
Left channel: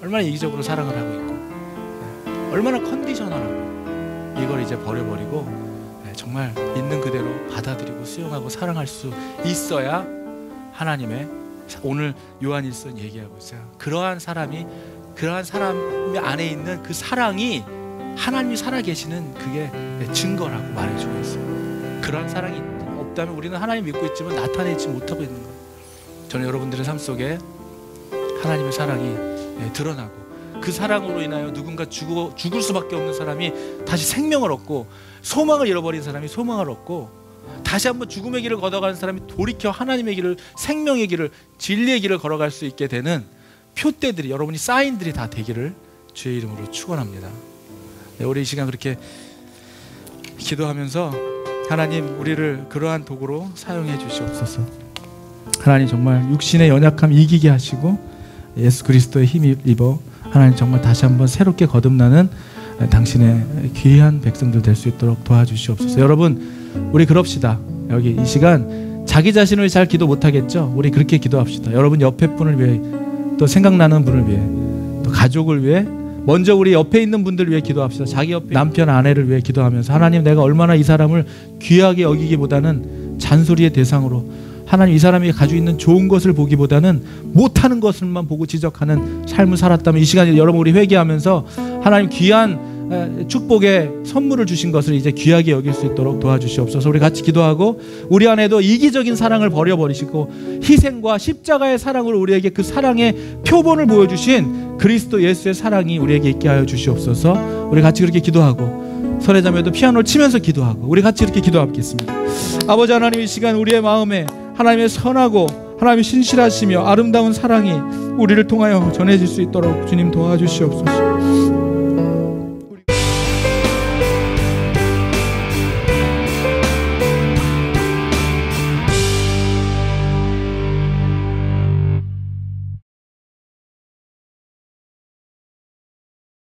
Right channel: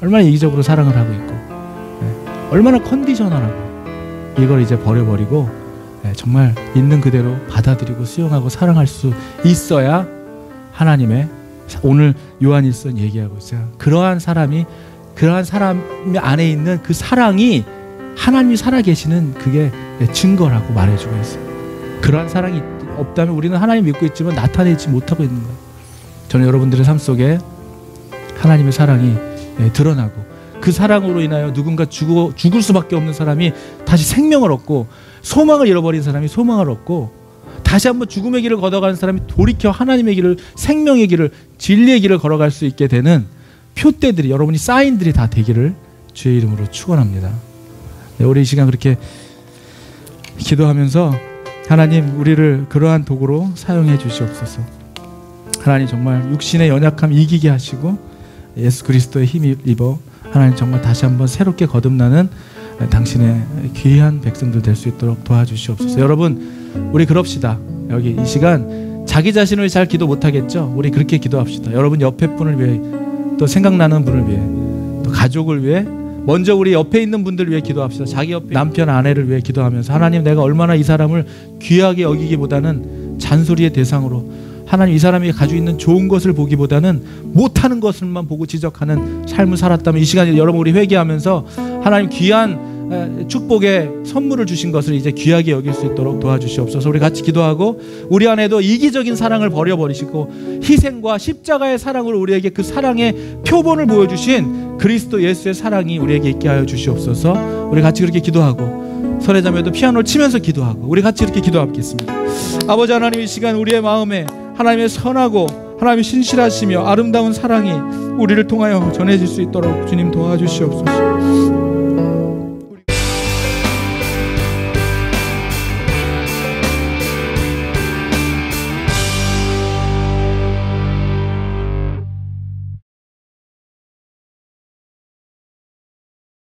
얼마나 이기적으로 사랑을 하고 있고, 얼마나 컨디셔널하고, 이걸 이제 버려버리고 정말 있는 그대로 받아들이고 수용하고 사랑할 수 있어야 하나님의, 오늘 요한일서 얘기하고 있어요. 그러한 사람 안에 있는 그 사랑이 하나님이 살아계시는 그게 증거라고 말해주고 있어요. 그러한 사랑이 없다면 우리는 하나님 믿고 있지만 나타내지 못하고 있는 거예요. 저는 여러분들의 삶 속에 하나님의 사랑이 드러나고, 그 사랑으로 인하여 누군가 죽을 수밖에 없는 사람이 다시 생명을 얻고, 소망을 잃어버린 사람이 소망을 얻고, 다시 한번 죽음의 길을 걷어가는 사람이 돌이켜 하나님의 길을, 생명의 길을, 진리의 길을 걸어갈 수 있게 되는 표대들이, 여러분이 사인들이 다 되기를 주의 이름으로 축원합니다. 우리 이 시간 그렇게 기도하면서 하나님 우리를 그러한 도구로 사용해 주시옵소서. 하나님 정말 육신의 연약함 이기게 하시고 예수 그리스도의 힘 입어 하나님 정말 다시 한번 새롭게 거듭나는 당신의 귀한 백성들 될 수 있도록 도와주시옵소서. 여러분 우리 그럽시다. 여기 이 시간 자기 자신을 잘 기도 못하겠죠? 우리 그렇게 기도합시다. 여러분 옆에 분을 위해, 또 생각나는 분을 위해, 또 가족을 위해, 먼저 우리 옆에 있는 분들을 위해 기도합시다. 자기 옆에 남편 아내를 위해 기도하면서 하나님 내가 얼마나 이 사람을 귀하게 여기기보다는 잔소리의 대상으로, 하나님 이 사람이 가지고 있는 좋은 것을 보기보다는 못하는 것을만 보고 지적하는 삶을 살았다면, 이 시간에 여러분 우리 회개하면서 하나님 귀한 축복의 선물을 주신 것을 이제 귀하게 여길 수 있도록 도와주시옵소서. 우리 같이 기도하고, 우리 안에도 이기적인 사랑을 버려버리시고 희생과 십자가의 사랑으로 우리에게 그 사랑의 표본을 보여주신 그리스도 예수의 사랑이 우리에게 있게 하여 주시옵소서. 우리 같이 그렇게 기도하고, 설회자매도 피아노를 치면서 기도하고 우리 같이 이렇게 기도하겠습니다. 아버지 하나님, 이 시간 우리의 마음에 하나님의 선하고 하나님의 신실하시며 아름다운 사랑이 우리를 통하여 전해질 수 있도록 주님 도와주시옵소서.